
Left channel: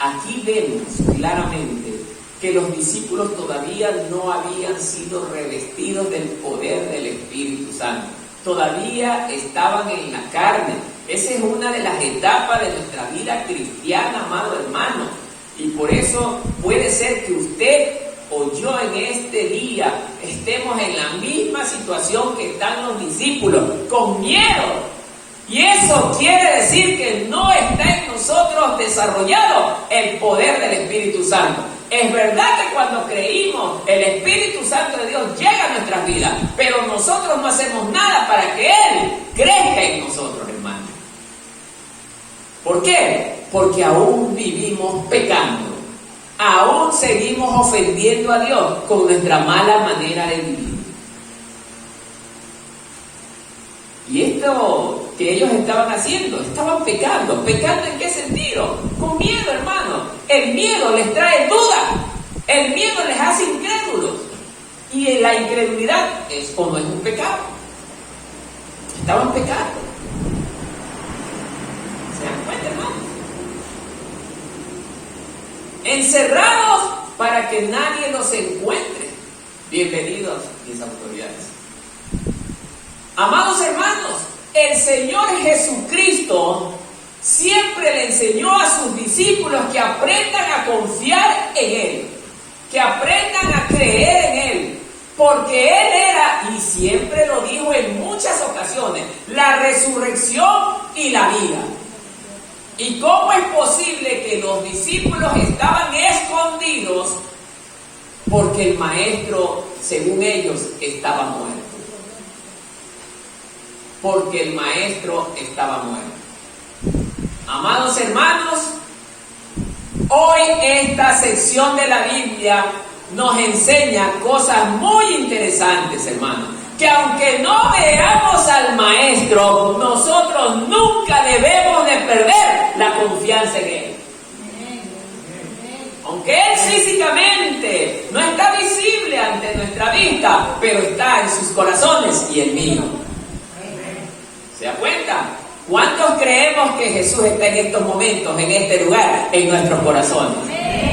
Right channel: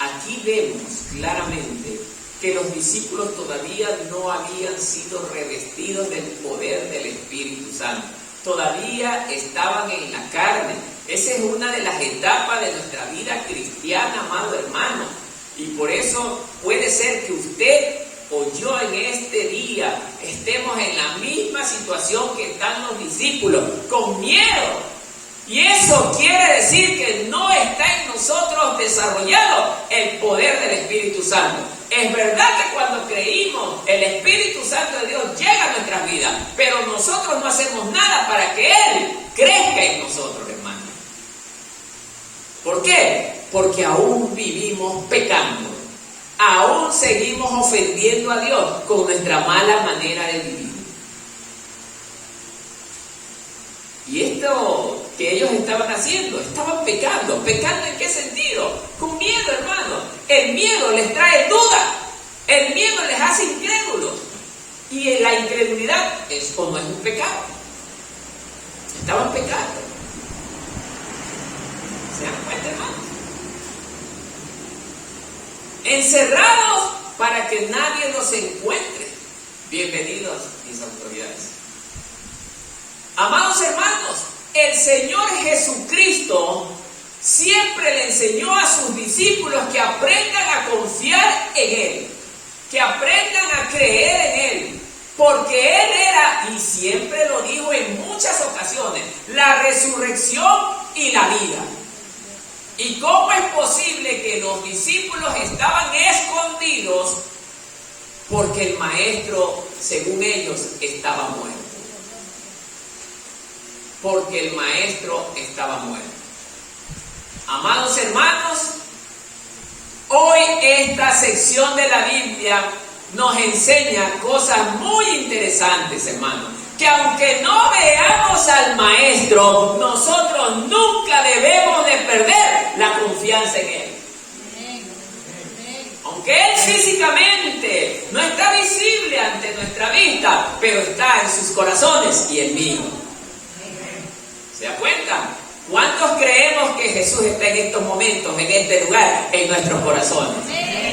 Aquí vemos claramente que los discípulos todavía no habían sido revestidos del poder del Espíritu Santo. Todavía estaban en la carne. Esa es una de las etapas de nuestra vida cristiana, amado hermano. Y por eso puede ser que usted o yo en este día estemos en la misma situación que están los discípulos, con miedo. Y eso quiere decir que no está en nosotros desarrollado el poder del Espíritu Santo. Es verdad que cuando creímos, el Espíritu Santo de Dios llega a nuestras vidas, pero nosotros no hacemos nada para que Él crezca en nosotros, hermano. ¿Por qué? Porque aún vivimos pecando, aún seguimos ofendiendo a Dios con nuestra mala manera de vivir. Y esto que ellos estaban haciendo, estaban pecando. ¿Pecando en qué sentido? Con miedo, hermano. El miedo les trae duda. El miedo les hace incrédulos. Y la incredulidad es como es un pecado. Estaban pecando. ¿Se dan cuenta, hermano? Encerrados para que nadie los encuentre. Bienvenidos, mis autoridades. Amados hermanos, el Señor Jesucristo siempre le enseñó a sus discípulos que aprendan a confiar en Él, que aprendan a creer en Él, porque Él era, y siempre lo dijo en muchas ocasiones, la resurrección y la vida. ¿Y cómo es posible que los discípulos estaban escondidos? Porque el Maestro, según ellos, estaba muerto. Porque el Maestro estaba muerto. Amados hermanos, hoy esta sección de la Biblia nos enseña cosas muy interesantes, hermanos. Que aunque no veamos al Maestro, nosotros nunca debemos de perder la confianza en Él. Aunque Él físicamente no está visible ante nuestra vista, pero está en sus corazones y en mío. ¿Se da cuenta? ¿Cuántos creemos que Jesús está en estos momentos, en este lugar, en nuestros corazones?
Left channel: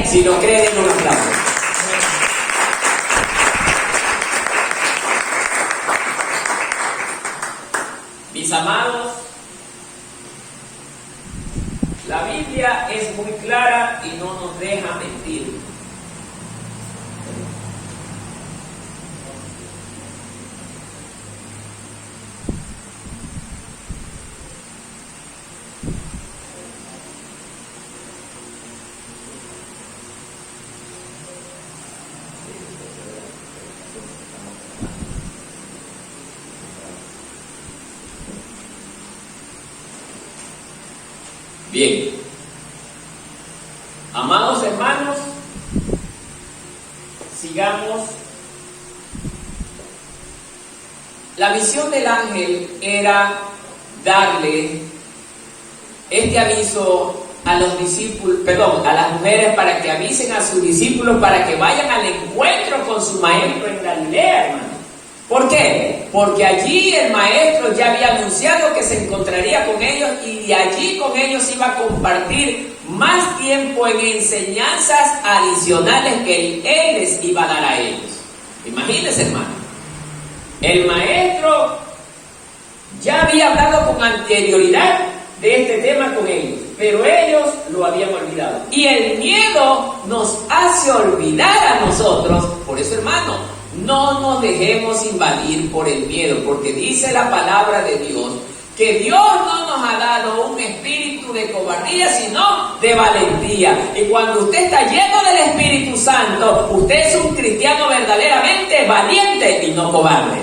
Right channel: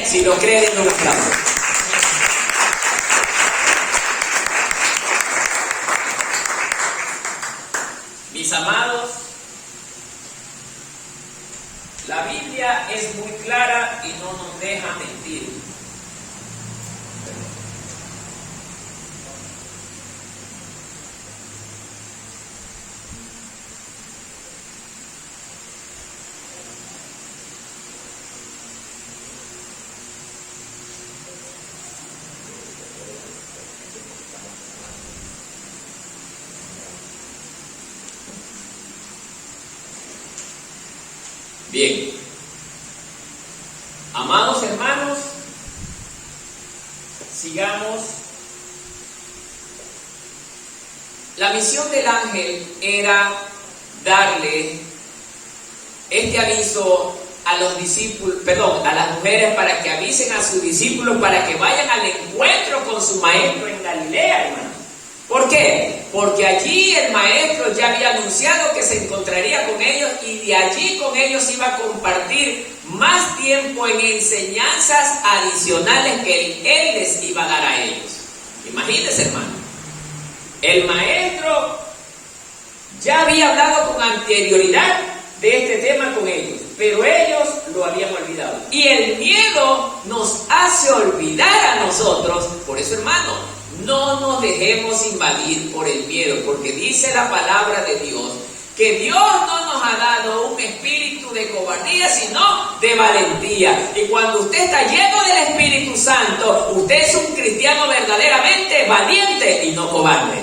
Si lo creen, no lo aplaudan. Mis amados, la Biblia es muy clara y no nos deja mentir. Bien, amados hermanos, sigamos. La misión del ángel era darle este aviso a los discípulos, a las mujeres para que avisen a sus discípulos para que vayan al encuentro con su maestro en Galilea, hermano. ¿Por qué? Porque allí el maestro ya había anunciado que se encontraría con ellos y de allí con ellos iba a compartir más tiempo en enseñanzas adicionales que él les iba a dar a ellos. Imagínense, hermano. El maestro ya había hablado con anterioridad de este tema con ellos, pero ellos lo habían olvidado. Y el miedo nos hace olvidar a nosotros. Por eso, hermano, no nos dejemos invadir por el miedo, porque dice la palabra de Dios que Dios no nos ha dado un espíritu de cobardía, sino de valentía. Y cuando usted está lleno del Espíritu Santo, usted es un cristiano verdaderamente valiente y no cobarde.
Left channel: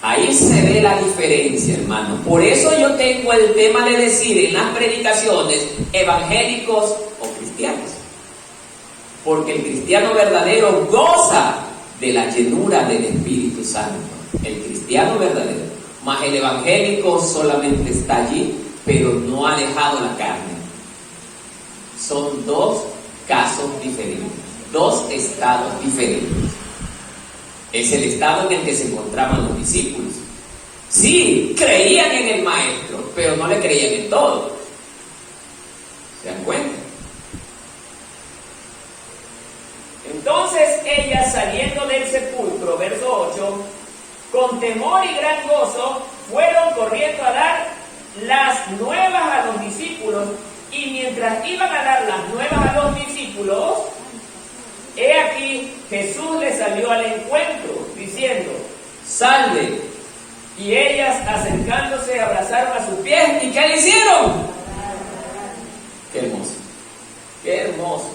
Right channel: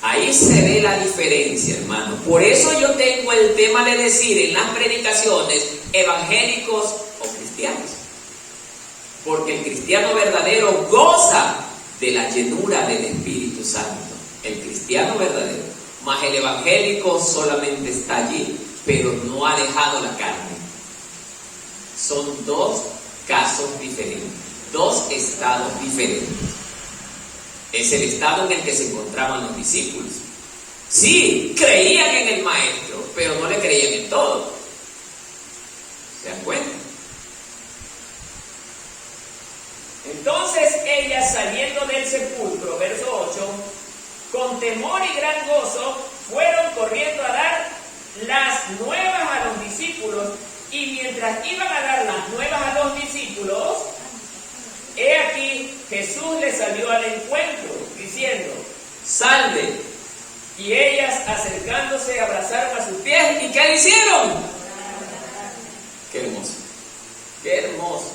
Ahí se ve la diferencia, hermano. Por eso yo tengo el tema de decir en las predicaciones evangélicos o cristianos. Porque el cristiano verdadero goza de la llenura del Espíritu Santo. El cristiano verdadero. Mas el evangélico solamente está allí, pero no ha dejado la carne. Son dos casos diferentes, dos estados diferentes. Es el estado en el que se encontraban los discípulos. Sí, creían en el maestro, pero no le creían en todo. ¿Se dan cuenta? Entonces ellas, saliendo del sepulcro, verso 8, con temor y gran gozo, fueron corriendo a dar las nuevas a los discípulos, y mientras iban a dar las nuevas a los discípulos, he aquí, Jesús les salió al encuentro, diciendo, salve. Y ellas, acercándose, abrazaron a sus pies, ¿y qué hicieron? Qué hermoso, qué hermoso.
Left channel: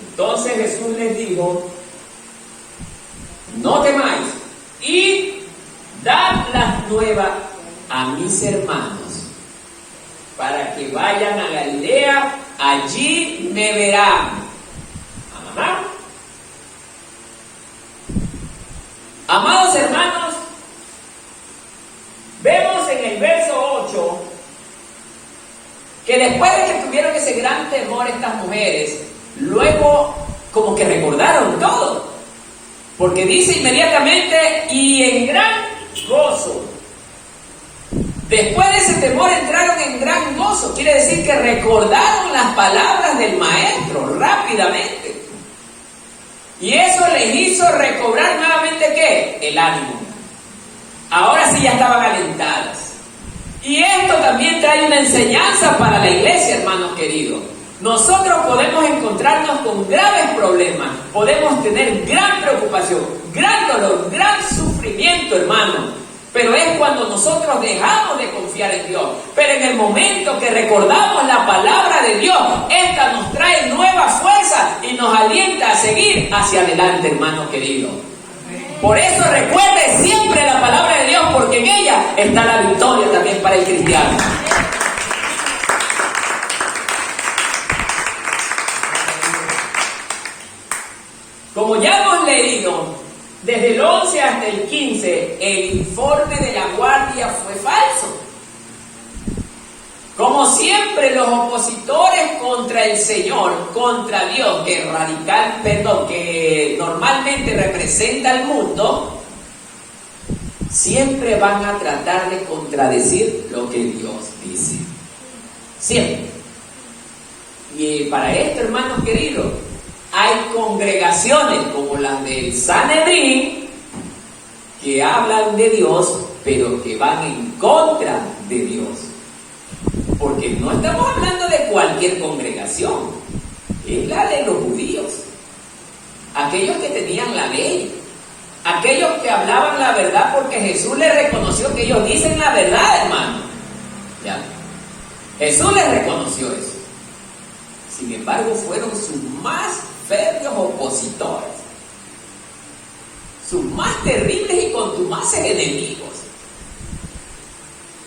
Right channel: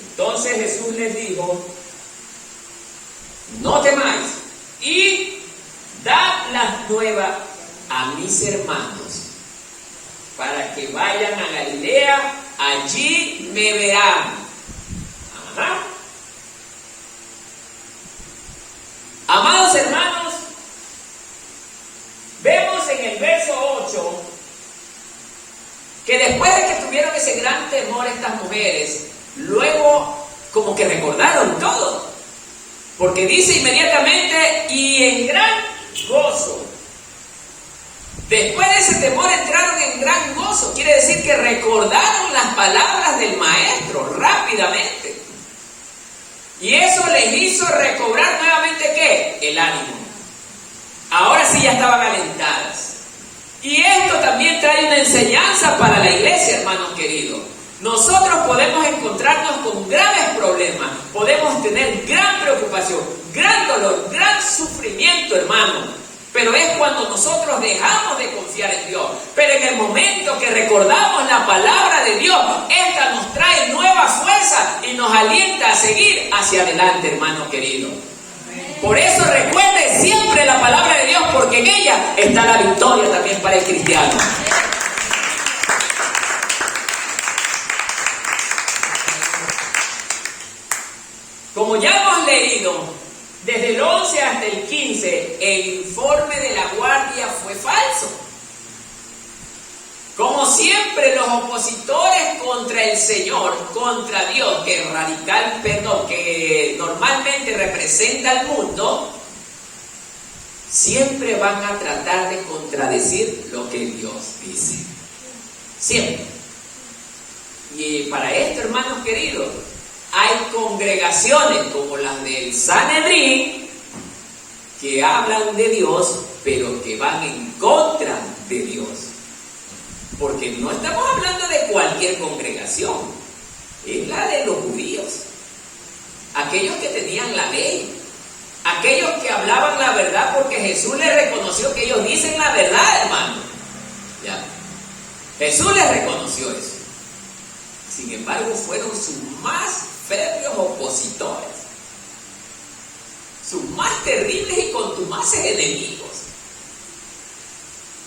Entonces Jesús les dijo, no temáis, y dad las nuevas a mis hermanos, para que vayan a Galilea, allí me verán. Ajá. Amados hermanos, vemos en el verso 8 que después de que tuvieron ese gran temor estas mujeres, luego como que recordaron todo, porque dice inmediatamente y en gran gozo. Después de ese temor entraron en gran gozo, quiere decir que recordaron las palabras del maestro rápidamente, y eso les hizo recobrar nuevamente ¿qué? El ánimo. Ahora sí ya estaban alentadas. Y esto también trae una enseñanza para la iglesia, hermanos queridos. Nosotros podemos encontrarnos con graves problemas, podemos tener gran preocupación, gran dolor, gran sufrimiento, hermano. Pero es cuando nosotros dejamos de confiar en Dios. Pero en el momento que recordamos la palabra de Dios, esta nos trae nueva fuerza y nos alienta a seguir hacia adelante, hermano querido. Por eso recuerde siempre la palabra de Dios, porque en ella está la victoria también para el cristiano. Como ya hemos leído, desde el 11 hasta el 15, el informe de la guardia fue falso. Como siempre, los opositores contra el Señor, contra Dios, que normalmente representa al mundo, siempre van a tratar de contradecir lo que Dios dice. Siempre. Y para esto, hermanos queridos, hay congregaciones como las del Sanedrín que hablan de Dios, pero que van en contra de Dios. Porque no estamos hablando de cualquier congregación, es la de los judíos, aquellos que tenían la ley, aquellos que hablaban la verdad, porque Jesús les reconoció que ellos dicen la verdad, hermano. ¿Ya? Jesús les reconoció eso. Sin embargo, fueron sus más férreos opositores, sus más terribles y contumaces enemigos.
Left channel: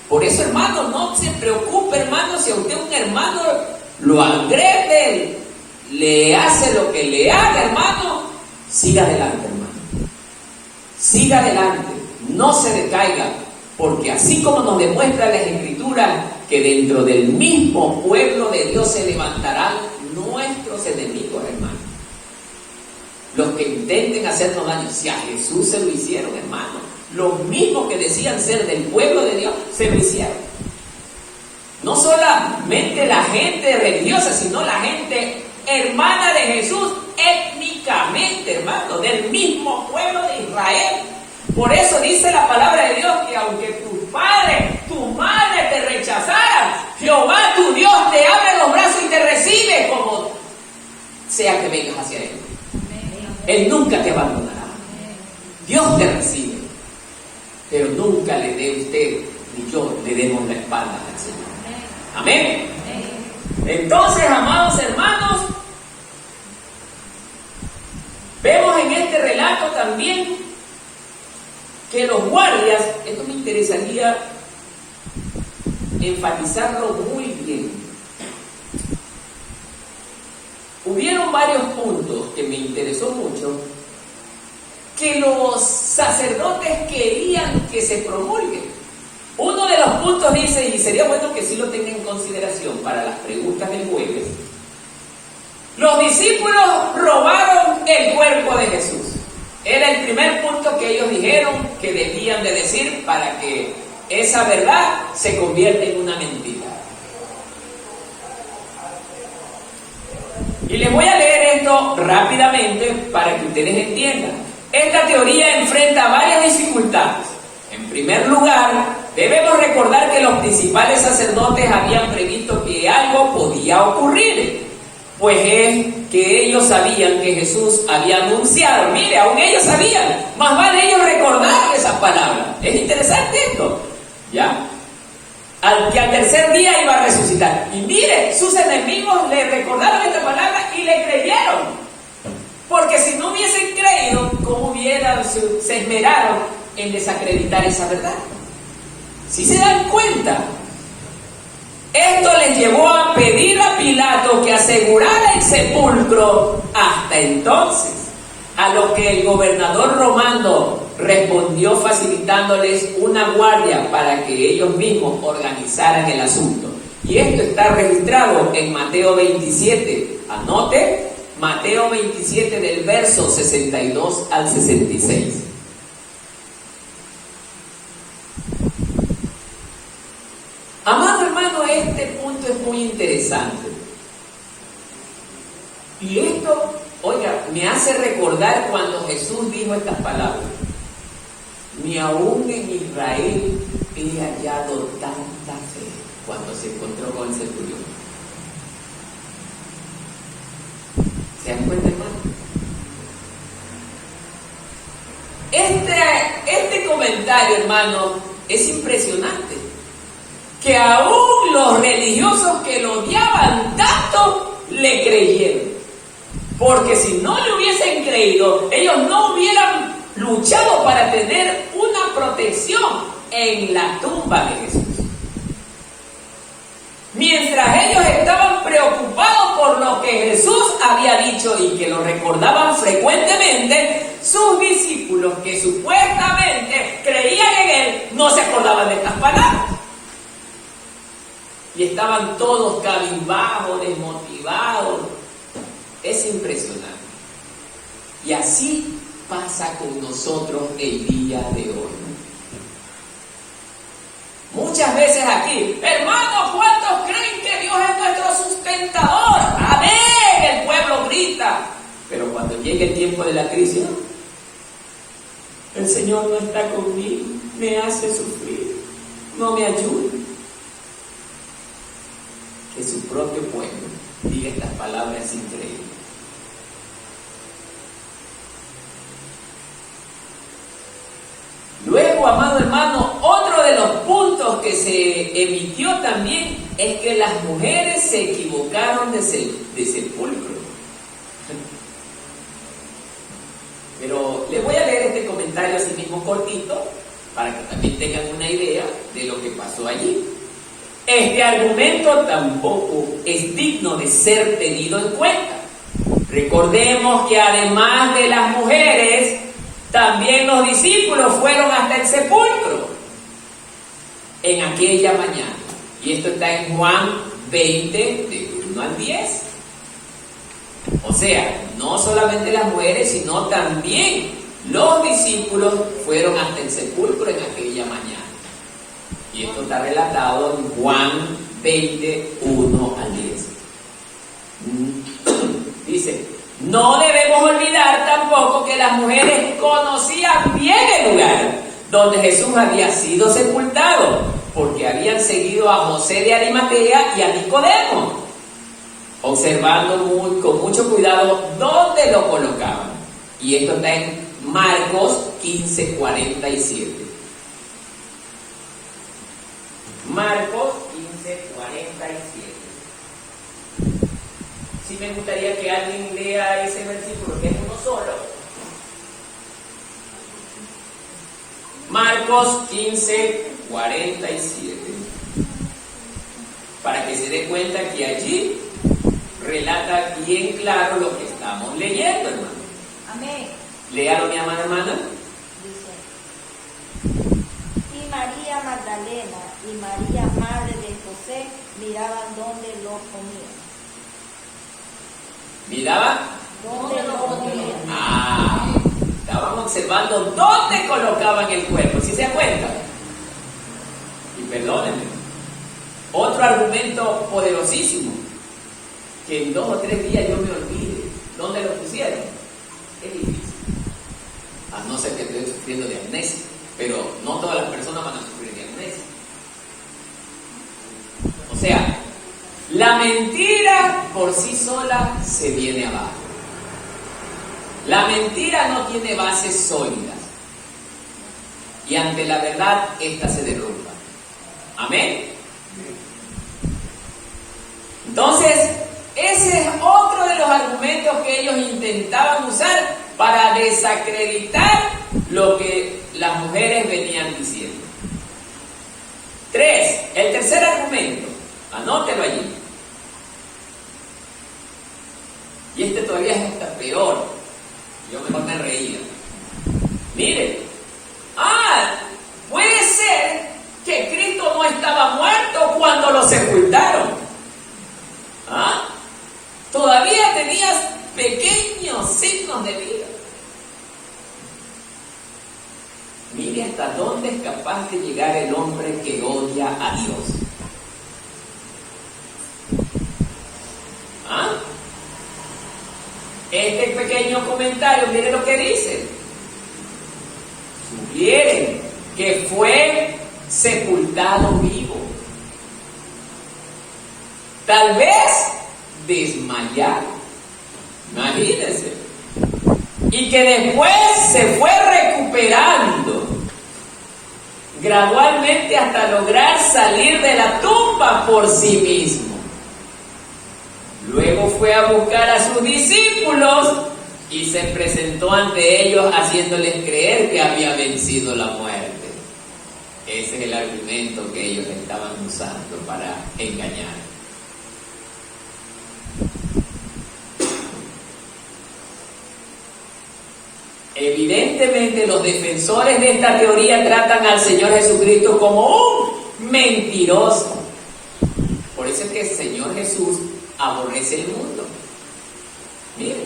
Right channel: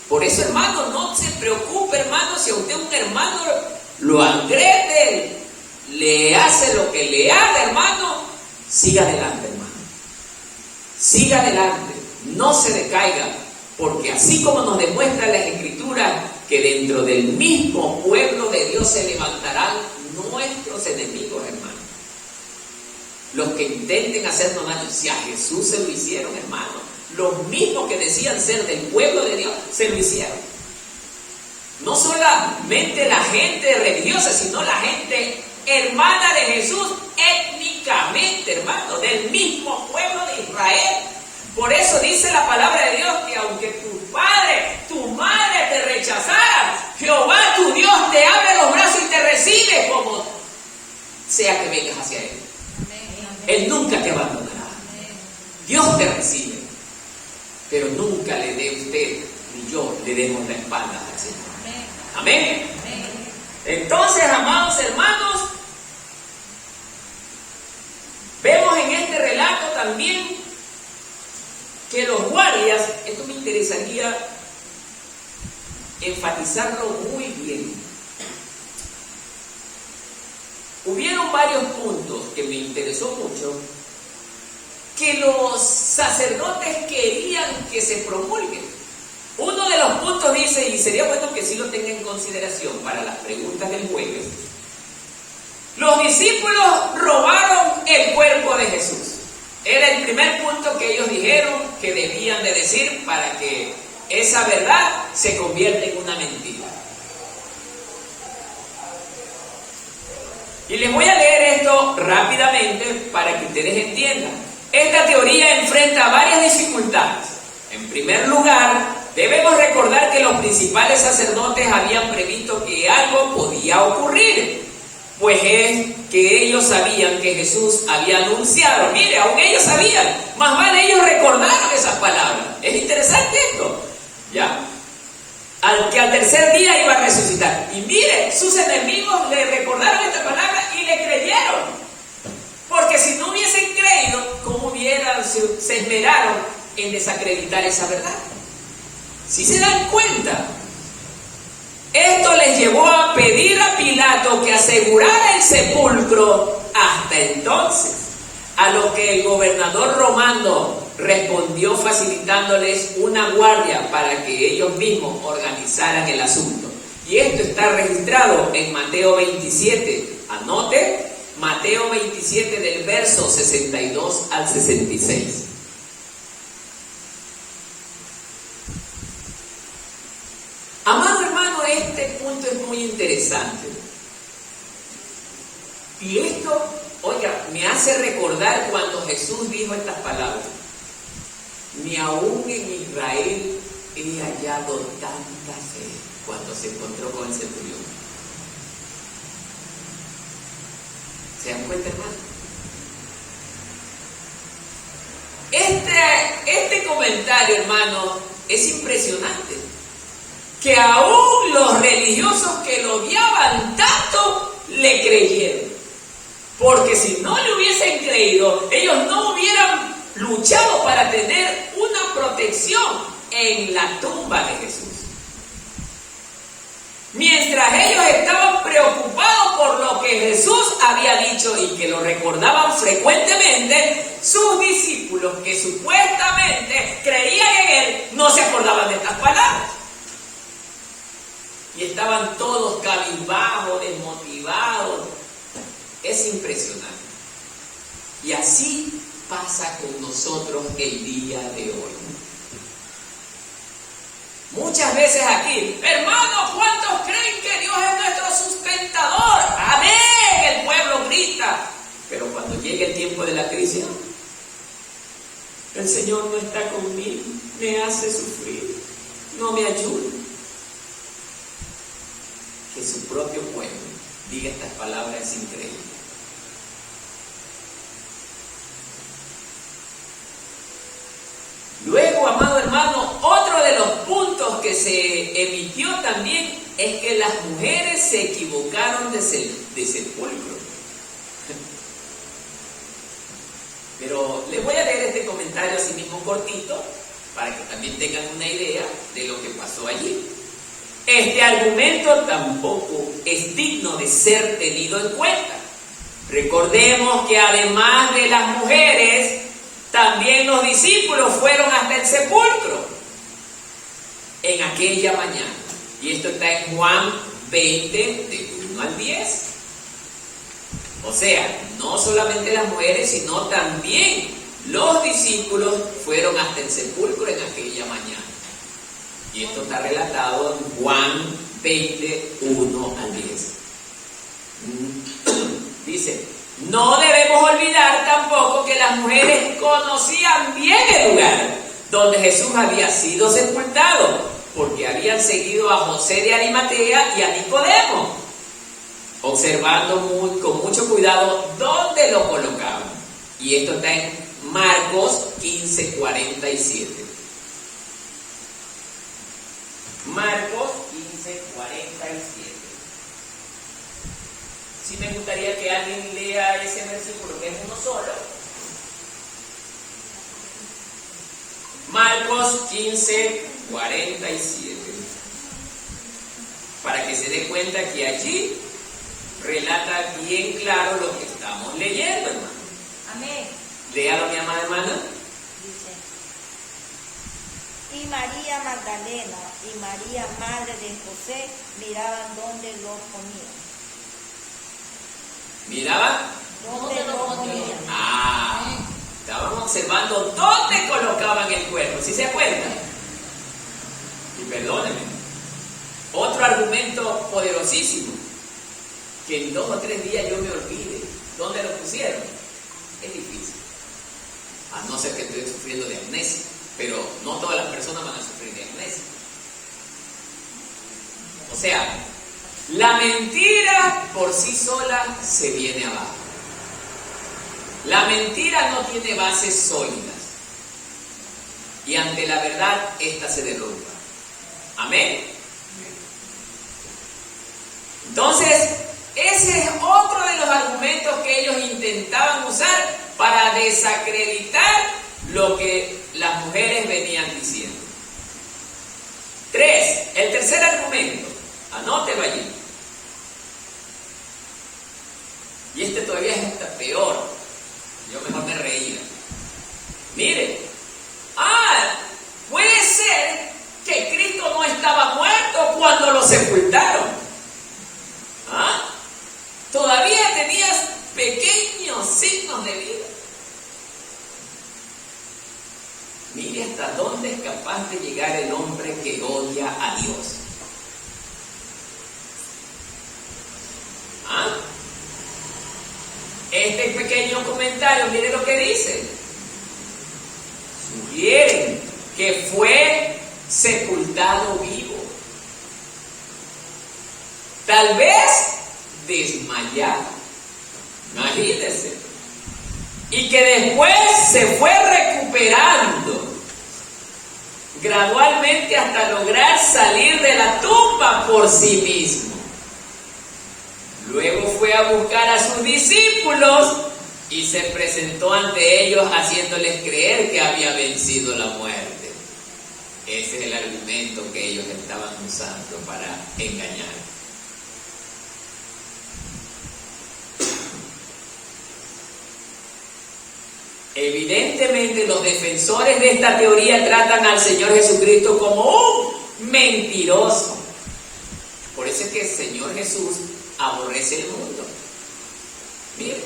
Por eso, hermano, no se preocupe, hermano, si a usted un hermano lo agrede, le hace lo que le haga, hermano, siga adelante, hermano. Siga adelante, no se decaiga, Porque así como nos demuestra las Escrituras que dentro del mismo pueblo de Dios se levantarán nuestros enemigos, hermanos. Los que intenten hacernos daño. Si a Jesús se lo hicieron, hermanos. Los mismos que decían ser del pueblo de Dios, se lo hicieron. No solamente la gente religiosa, sino la gente hermana de Jesús, étnicamente, hermano, del mismo pueblo de Israel. Por eso dice la palabra de Dios que aunque tu padre, tu madre te rechazaran, Jehová tu Dios te abre los brazos y te recibe como sea que vengas hacia Él. Él nunca te abandonará. Dios te recibe. Pero nunca le dé usted ni yo le demos la espalda al Señor. Amén. Entonces, amados hermanos, vemos en este relato también que los guardias, esto me interesaría enfatizarlo muy bien. Hubieron varios puntos que me interesó mucho, que los sacerdotes querían que se promulguen. Uno de los puntos dice, y sería bueno que sí lo tengan en consideración para las preguntas del jueves, los discípulos robaron el cuerpo de Jesús. Era el primer punto que ellos dijeron que debían de decir para que esa verdad se convierta en una mentira. Y les voy a leer esto rápidamente para que ustedes entiendan. Esta teoría enfrenta varias dificultades. En primer lugar, debemos recordar que los principales sacerdotes habían previsto que algo podía ocurrir, pues es que ellos sabían que Jesús había anunciado. Mire, aún ellos sabían, más vale ellos recordaron esas palabras. Es interesante esto, ¿ya? Que al tercer día iba a resucitar. Y mire, sus enemigos le recordaron esta palabra y le creyeron. Porque si no hubiesen creído, ¿cómo se esmeraron en desacreditar esa verdad? Si se dan cuenta, esto les llevó a pedir a Pilato que asegurara el sepulcro hasta entonces, a lo que el gobernador romano respondió facilitándoles una guardia para que ellos mismos organizaran el asunto. Y esto está registrado en Mateo 27. Anote, Mateo 27 del verso 62 al 66. Amado hermano, este punto es muy interesante. Y esto, oiga, me hace recordar cuando Jesús dijo estas palabras. Ni aún en Israel he hallado tanta fe, cuando se encontró con el centurión. ¿Se dan cuenta, hermano? Este comentario, hermano, es impresionante. Que aún los religiosos que lo odiaban tanto le creyeron. Porque si no le hubiesen creído, ellos no hubieran luchado para tener una protección en la tumba de Jesús. Mientras ellos estaban preocupados por lo que Jesús había dicho y que lo recordaban frecuentemente, sus discípulos que supuestamente creían en Él no se acordaban de estas palabras. Y estaban todos cabizbajos, desmotivados. Es impresionante. Y así pasa con nosotros el día de hoy. Muchas veces aquí, hermanos, ¿cuántos creen que Dios es nuestro sustentador? ¡Amén! El pueblo grita. Pero cuando llegue el tiempo de la crisis, el Señor no está conmigo, me hace sufrir, no me ayuda. Que su propio pueblo diga estas palabras es increíble. Luego, amado hermano, otro de los puntos que se emitió también es que las mujeres se equivocaron de sepulcro. Pero les voy a leer este comentario así mismo cortito para que también tengan una idea de lo que pasó allí. Este argumento tampoco es digno de ser tenido en cuenta. Recordemos que además de las mujeres, también los discípulos fueron hasta el sepulcro. en aquella mañana. Y esto está en Juan 20, de 1 al 10. O sea, no solamente las mujeres, sino también los discípulos fueron hasta el sepulcro en aquella mañana. Y esto está relatado en Juan 20, 1 al 10. Dice, no debemos olvidar tampoco que las mujeres conocían bien el lugar donde Jesús había sido sepultado, porque habían seguido a José de Arimatea y a Nicodemo, observando con mucho cuidado dónde lo colocaban. Y esto está en Marcos 15, 47. Marcos 15, 47. Sí me gustaría que alguien lea ese versículo, que es uno solo. Marcos 15, 47. Para que se dé cuenta que allí relata bien claro lo que estamos leyendo, hermano. Amén. Léalo, mi amada hermana. Dice, y María Magdalena y María, madre de José, miraban dónde lo ponían. ¿Miraban? ¿Dónde lo ponían? Estaban observando dónde colocaban el cuerpo, ¿sí se dan cuenta? Y perdónenme, otro argumento poderosísimo, que en 2 o 3 días yo me olvide dónde lo pusieron, es difícil, a no ser que estoy sufriendo de amnesia, pero no todas las personas van a sufrir de amnesia. O sea, la mentira por sí sola se viene abajo. La mentira no tiene bases sólidas. Y ante la verdad, esta se derrumba. Amén. Entonces, ese es otro de los argumentos que ellos intentaban usar para desacreditar lo que las mujeres venían diciendo. 3. El tercer argumento. Anótelo allí. Y este todavía es hasta peor. Yo mejor me reía. Mire, puede ser que Cristo no estaba muerto cuando lo sepultaron. Todavía tenías pequeños signos de vida. Mire hasta dónde es capaz de llegar el hombre que odia a Dios. Este pequeño comentario, mire lo que dice. Sugieren que fue sepultado vivo. Tal vez desmayado. Imagínense. Y que después se fue recuperando gradualmente hasta lograr salir de la tumba por sí mismo. Luego fue a buscar a sus discípulos y se presentó ante ellos haciéndoles creer que había vencido la muerte. Ese es el argumento que ellos estaban usando para engañar. Evidentemente los defensores de esta teoría tratan al Señor Jesucristo como un mentiroso. Por eso es que el Señor Jesús aborrece el mundo. Miren,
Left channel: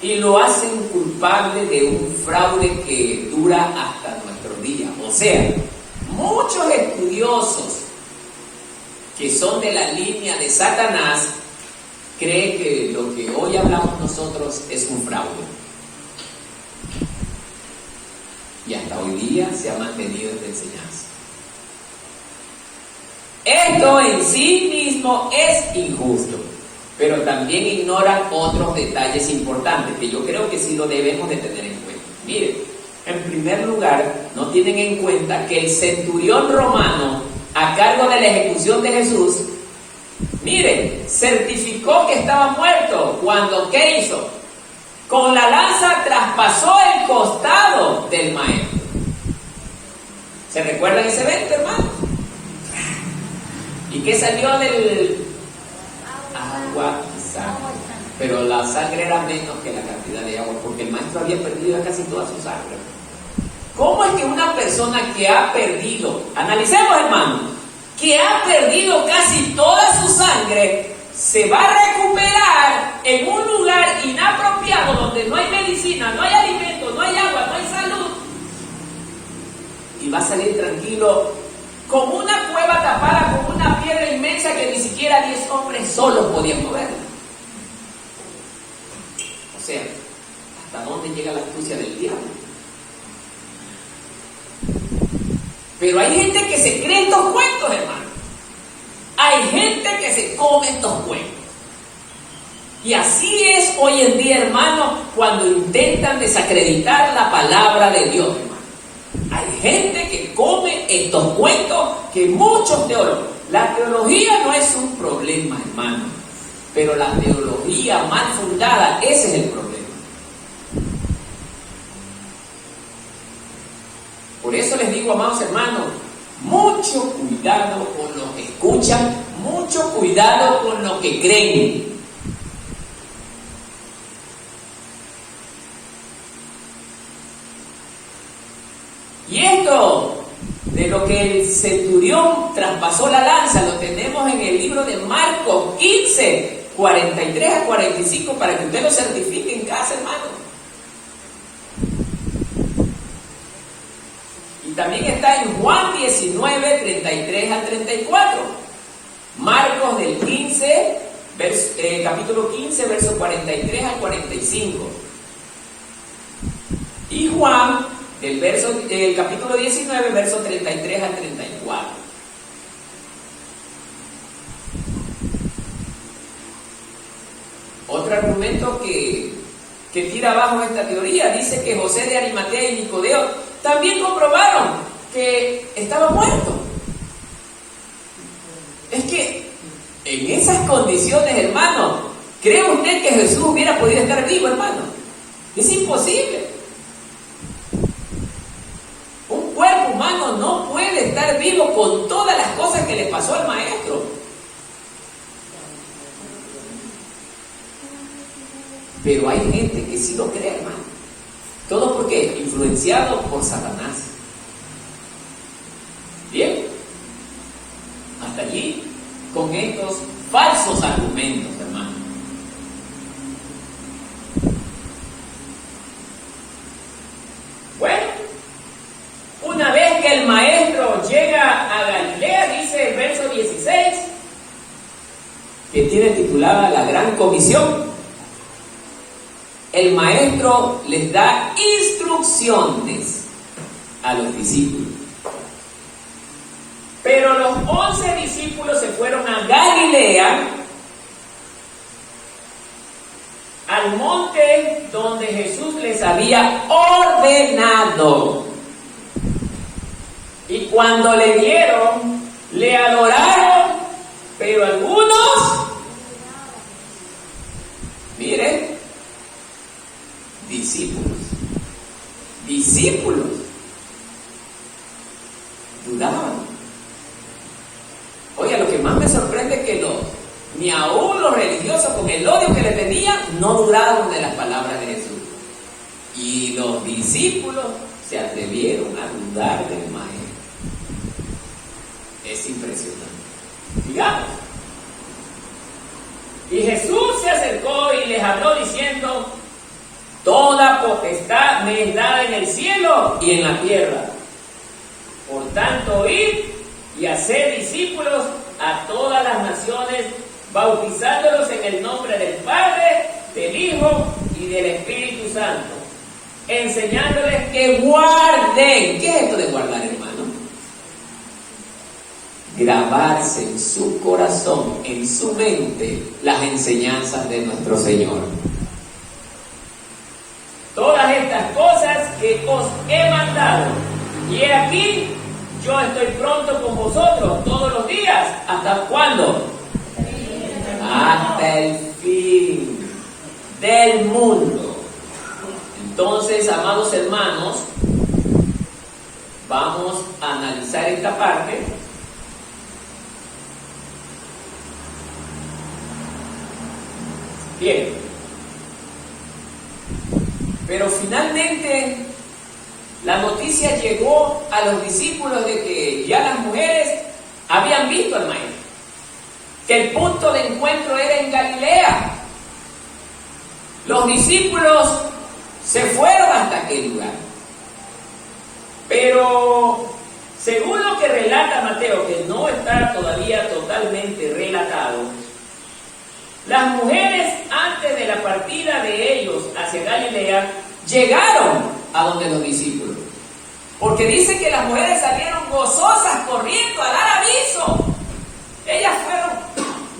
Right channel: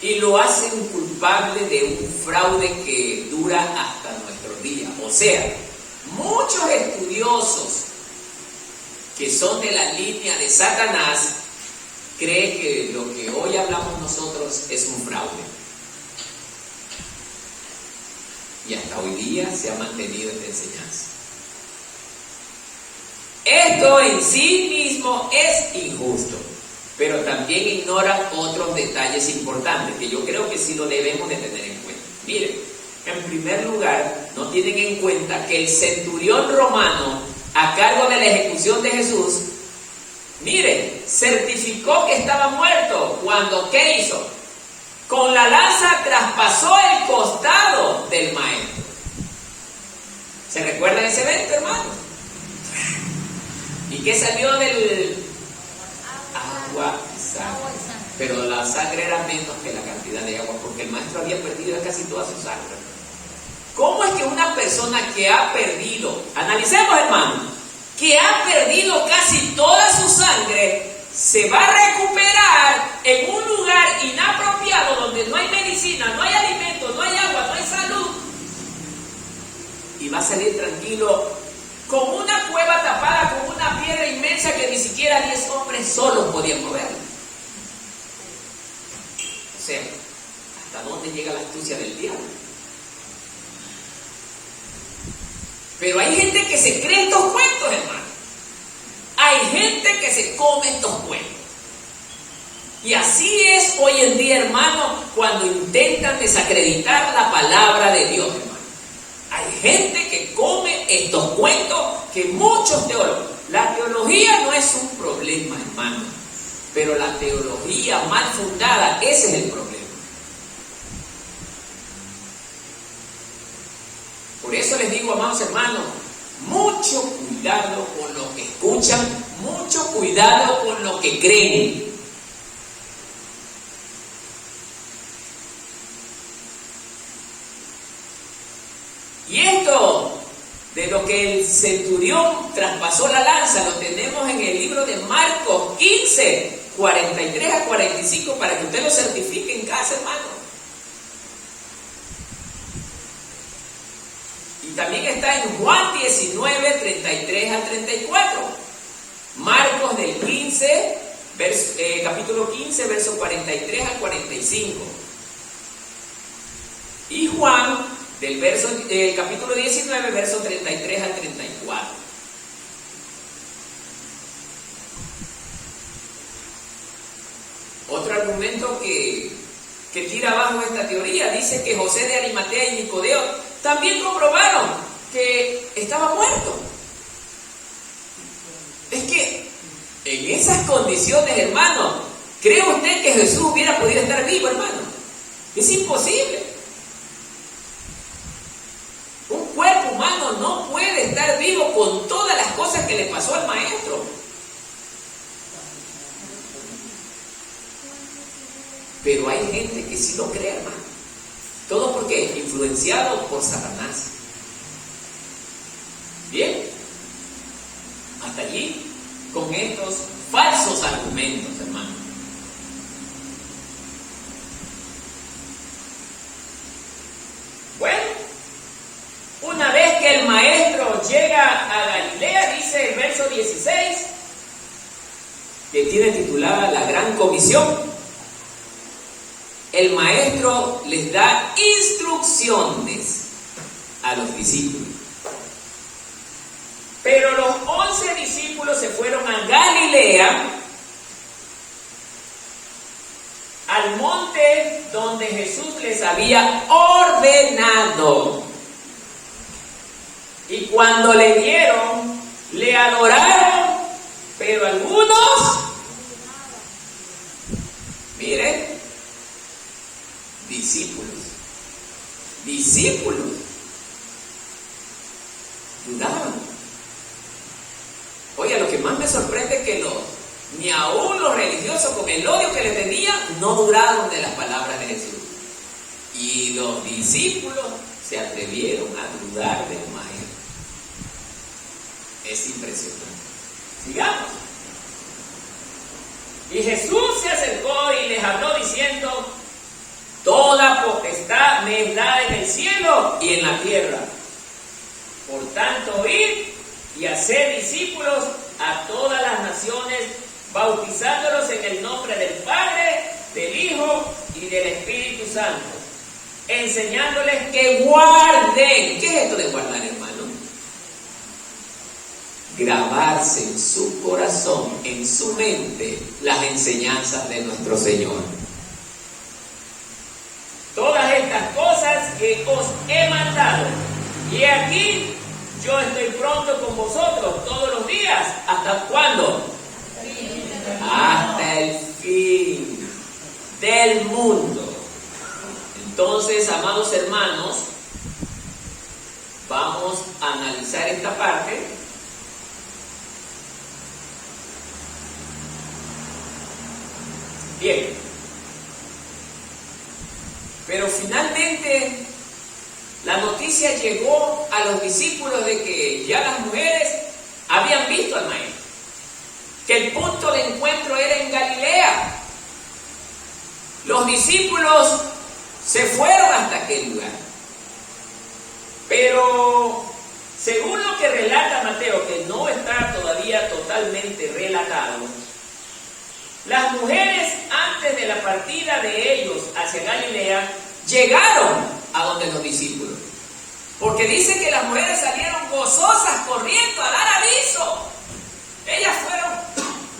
y lo hacen culpable de un fraude que dura hasta nuestros días. O sea, muchos estudiosos que son de la línea de Satanás creen que lo que hoy hablamos nosotros es un fraude. Y hasta hoy día se ha mantenido esta enseñanza. Esto en sí mismo es injusto, pero también ignoran otros detalles importantes que yo creo que sí lo debemos de tener en cuenta. Miren, en primer lugar, no tienen en cuenta que el centurión romano a cargo de la ejecución de Jesús, miren, certificó que estaba muerto cuando, ¿qué hizo? Con la lanza traspasó el costado del maestro. ¿Se recuerdan ese evento, hermano? ¿Y qué salió del agua? Pero la sangre era menos que la cantidad de agua, porque el maestro había perdido casi toda su sangre. ¿Cómo es que una persona que ha perdido, analicemos hermano, que ha perdido casi toda su sangre, se va a recuperar en un lugar inapropiado donde no hay medicina, no hay alimento, no hay agua, no hay salud? Y va a salir tranquilo con una cueva tapada con una piedra inmensa que ni siquiera 10 hombres solos podían moverla. O sea, ¿hasta dónde llega la astucia del diablo? Pero hay gente que se cree estos cuentos, hermano. Hay gente que se come estos cuentos. Y así es hoy en día, hermano, cuando intentan desacreditar la palabra de Dios, hermano. Hay gente que come estos cuentos que muchos teólogos. La teología no es un problema, hermano. Pero la teología mal fundada, ese es el problema. Por eso les digo, amados hermanos, mucho cuidado con lo que escuchan, mucho cuidado con lo que creen. Y esto de lo que el centurión traspasó la lanza, lo tenemos en el libro de Marcos 15, 43 a 45, para que usted lo certifique en casa, hermano. Y también está en Juan 19, 33 al 34. Marcos del 15, capítulo 15, versos 43 al 45. Y Juan del capítulo 19, versos 33 al 34. Otro argumento que tira abajo esta teoría, dice que José de Arimatea y Nicodemo también comprobaron que estaba muerto. Es que en esas condiciones, hermano, ¿cree usted que Jesús hubiera podido estar vivo, hermano? Es imposible. Un cuerpo humano no puede estar vivo con todas las cosas que le pasó al maestro. Pero hay gente que sí lo cree, hermano. ¿Todo por qué? Influenciado por Satanás. Bien. Hasta allí con estos falsos argumentos, hermano. Bueno, una vez que el maestro llega a Galilea, dice el verso 16, que tiene titulada La Gran Comisión. El maestro les da instrucciones a los discípulos. Pero los 11 discípulos se fueron a Galilea, al monte donde Jesús les había ordenado. Y cuando le vieron, le adoraron, pero algunos, miren, discípulos, dudaban. Oye, lo que más me sorprende es que ni aún los religiosos, con el odio que le tenían, no dudaron de las palabras de Jesús. Y los discípulos se atrevieron a dudar del maestro. Es impresionante. Sigamos. Y Jesús se acercó y les habló diciendo: toda potestad me es dada en el cielo y en la tierra. Por tanto, id y haced discípulos a todas las naciones, bautizándolos en el nombre del Padre, del Hijo y del Espíritu Santo, enseñándoles que guarden. ¿Qué es esto de guardar, hermano? Grabarse en su corazón, en su mente, las enseñanzas de nuestro Señor. Todas estas cosas que os he mandado, y he aquí, yo estoy pronto con vosotros todos los días. ¿Hasta cuándo? Hasta el fin del mundo. Entonces, amados hermanos, vamos a analizar esta parte. Bien. Pero finalmente, la noticia llegó a los discípulos de que ya las mujeres habían visto al maestro, que el punto de encuentro era en Galilea. Los discípulos se fueron hasta aquel lugar. Pero según lo que relata Mateo, que no está todavía totalmente relatado, las mujeres antes de la partida de ellos hacia Galilea llegaron a donde los discípulos. Porque dice que las mujeres salieron gozosas corriendo a dar aviso. Ellas fueron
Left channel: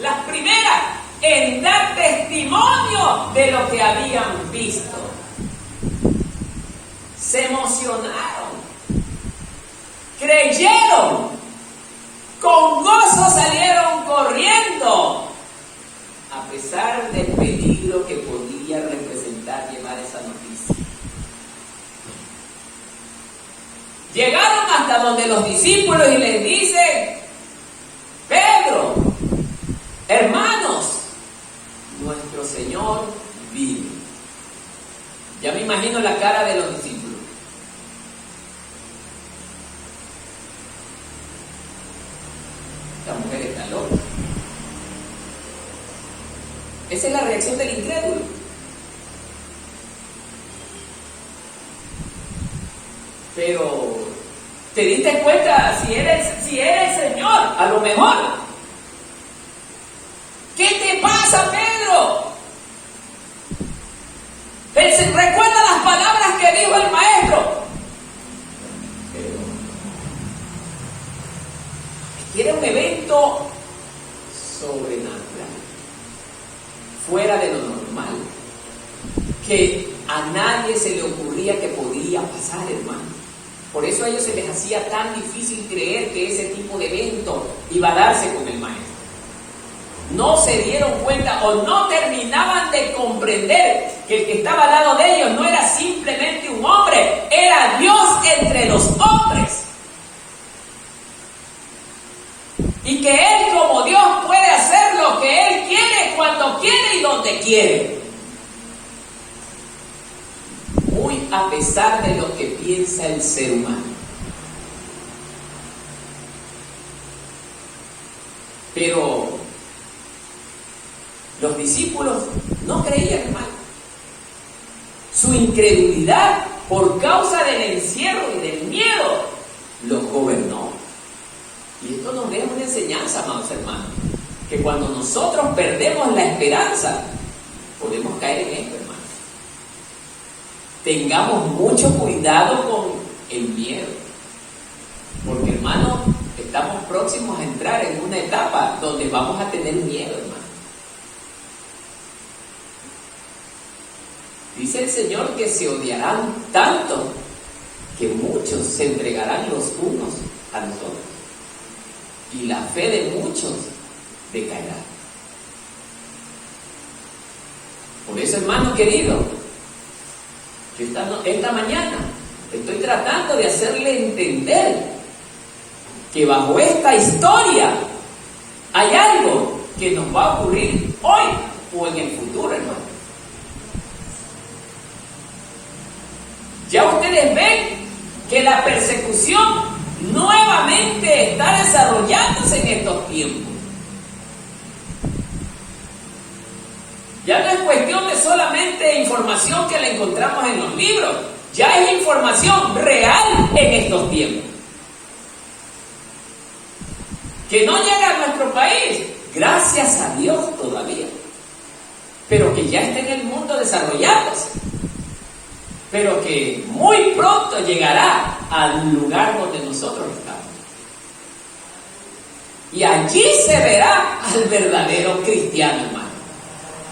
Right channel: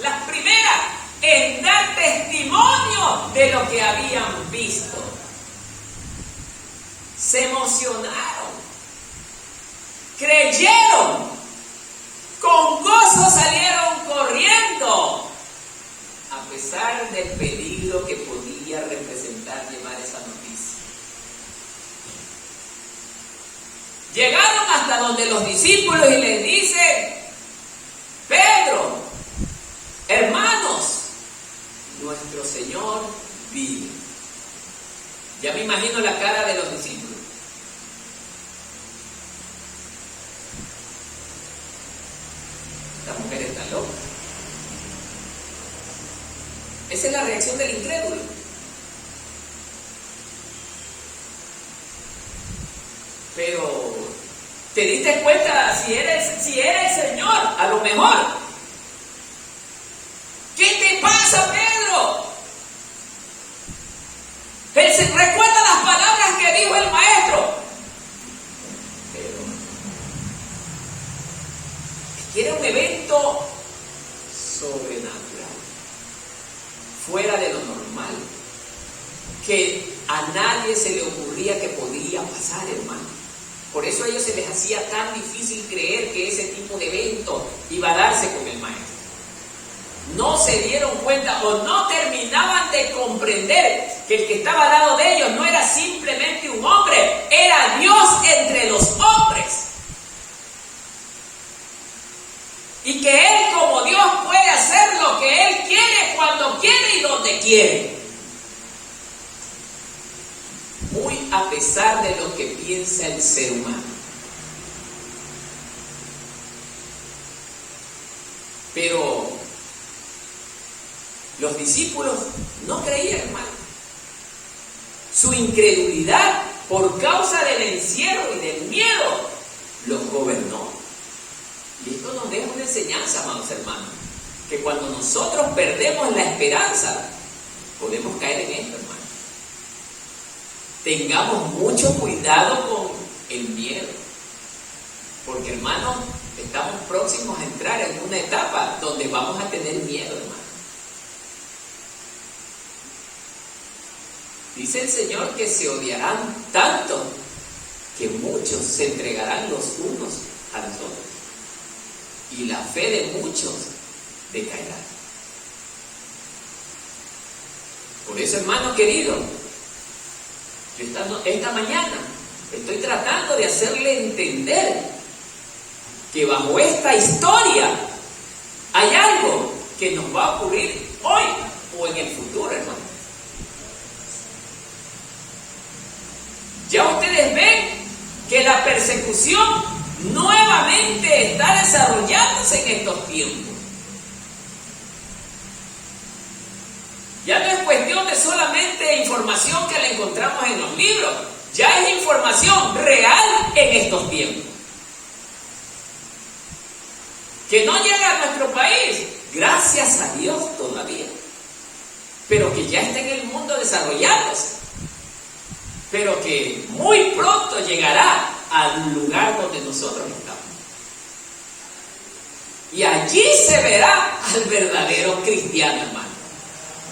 las primeras en dar testimonio de lo que habían visto. Se emocionaron, creyeron, con gozo salieron corriendo, a pesar del peligro que podía representar llevar esa noticia. Llegaron hasta donde los discípulos y les dicen: Pedro, hermanos, nuestro Señor vive. Ya me imagino la cara de los discípulos. Esta mujer está loca. Esa es la reacción del incrédulo. Pero te diste cuenta si era el Señor, a lo mejor. ¿Qué te pasa, Pedro? Recuerda las palabras que dijo el maestro. Pero era un evento sobrenatural, fuera de lo normal, que a nadie se le ocurría que podía pasar, hermano. Por eso a ellos se les hacía tan difícil creer que ese tipo de evento iba a darse con el maestro. No se dieron cuenta o no terminaban de comprender que el que estaba al lado de ellos no era simplemente un hombre, era Dios entre los hombres. Y que Él, como Dios, puede hacer lo que Él quiere, cuando quiere y donde quiere. Muy a pesar de lo que piensa el ser humano. Pero los discípulos no creían, hermano. Su incredulidad, por causa del encierro y del miedo, los gobernó. Y esto nos deja una enseñanza, amados hermanos, que cuando nosotros perdemos la esperanza, podemos caer en esto, hermano. Tengamos mucho cuidado con el miedo, porque, hermano, estamos próximos a entrar en una etapa donde vamos a tener miedo, hermano. Dice el Señor que se odiarán tanto que muchos se entregarán los unos a los otros, y la fe de muchos decaerá. Por eso, hermano querido, yo esta mañana estoy tratando de hacerle entender que bajo esta historia hay algo que nos va a ocurrir hoy o en el futuro, hermano. Ya ustedes ven que la persecución nuevamente está desarrollándose en estos tiempos. Ya no es cuestión de solamente información que la encontramos en los libros, ya es información real en estos tiempos. Que no llega a nuestro país, gracias a Dios todavía, pero que ya está en el mundo desarrollándose, pero que muy pronto llegará al lugar donde nosotros estamos. Y allí se verá al verdadero cristiano, hermano,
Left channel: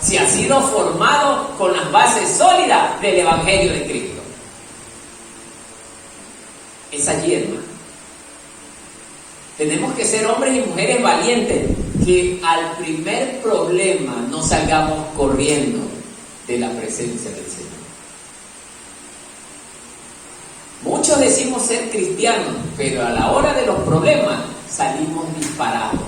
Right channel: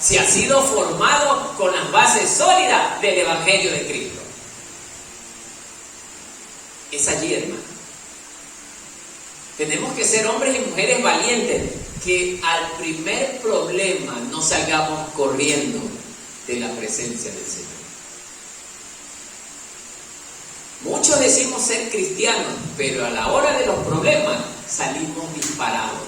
si ha sido formado con las bases sólidas del Evangelio de Cristo. Es allí, hermano. Tenemos que ser hombres y mujeres valientes, que al primer problema no salgamos corriendo de la presencia del Señor. Muchos decimos ser cristianos, pero a la hora de los problemas salimos disparados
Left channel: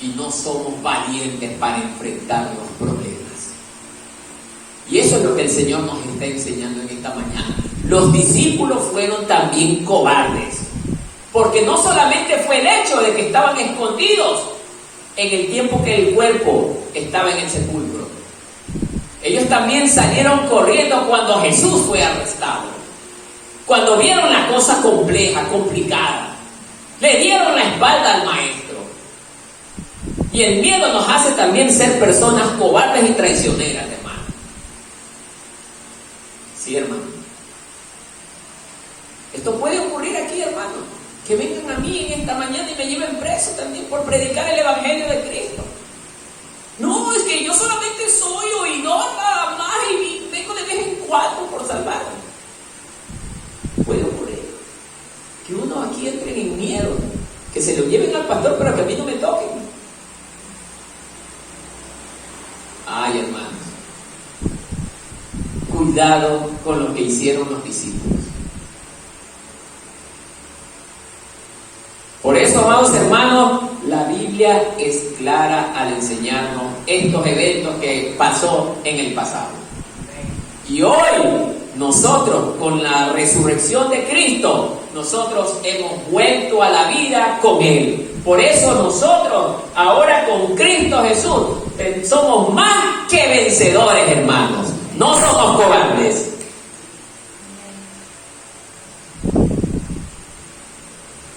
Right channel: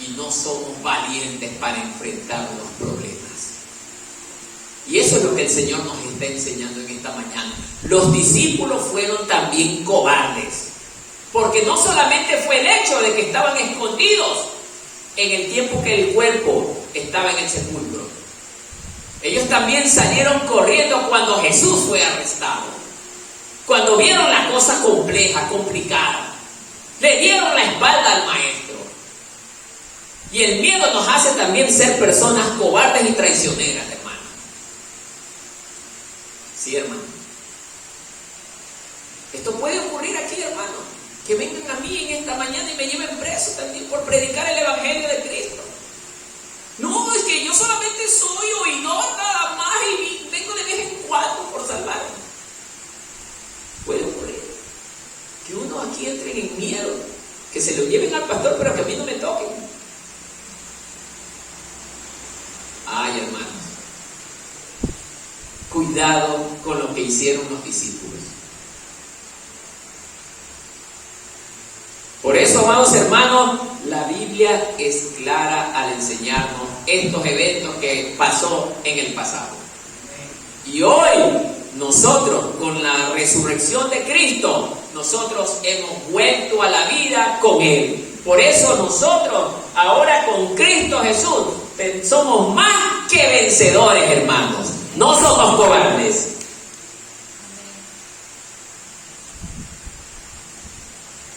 y no somos valientes para enfrentar los problemas. Y eso es lo que el Señor nos enseña. está enseñando en esta mañana. Los discípulos fueron también cobardes, porque no solamente fue el hecho de que estaban escondidos en el tiempo que el cuerpo estaba en el sepulcro. Ellos también salieron corriendo cuando Jesús fue arrestado. Cuando vieron la cosa compleja, complicada, le dieron la espalda al maestro. Y el miedo nos hace también ser personas cobardes y traicioneras, hermano. Sí, hermano. Esto puede ocurrir aquí, hermano. Que vengan a mí en esta mañana y me lleven preso también por predicar el Evangelio de Cristo. No, es que yo solamente soy oidor nada más y vengo de vez en cuando por salvarme. Puede ocurrir que uno aquí entre en miedo, que se lo lleven al pastor, pero que a mí no me toquen. Ay, hermanos, cuidado con lo que hicieron los discípulos. Por eso, amados hermanos, la Biblia es clara al enseñarnos estos eventos que pasó en el pasado. Y hoy, nosotros, con la resurrección de Cristo, nosotros hemos vuelto a la vida con Él. Por eso nosotros, ahora con Cristo Jesús, somos más que vencedores, hermanos. No somos cobardes.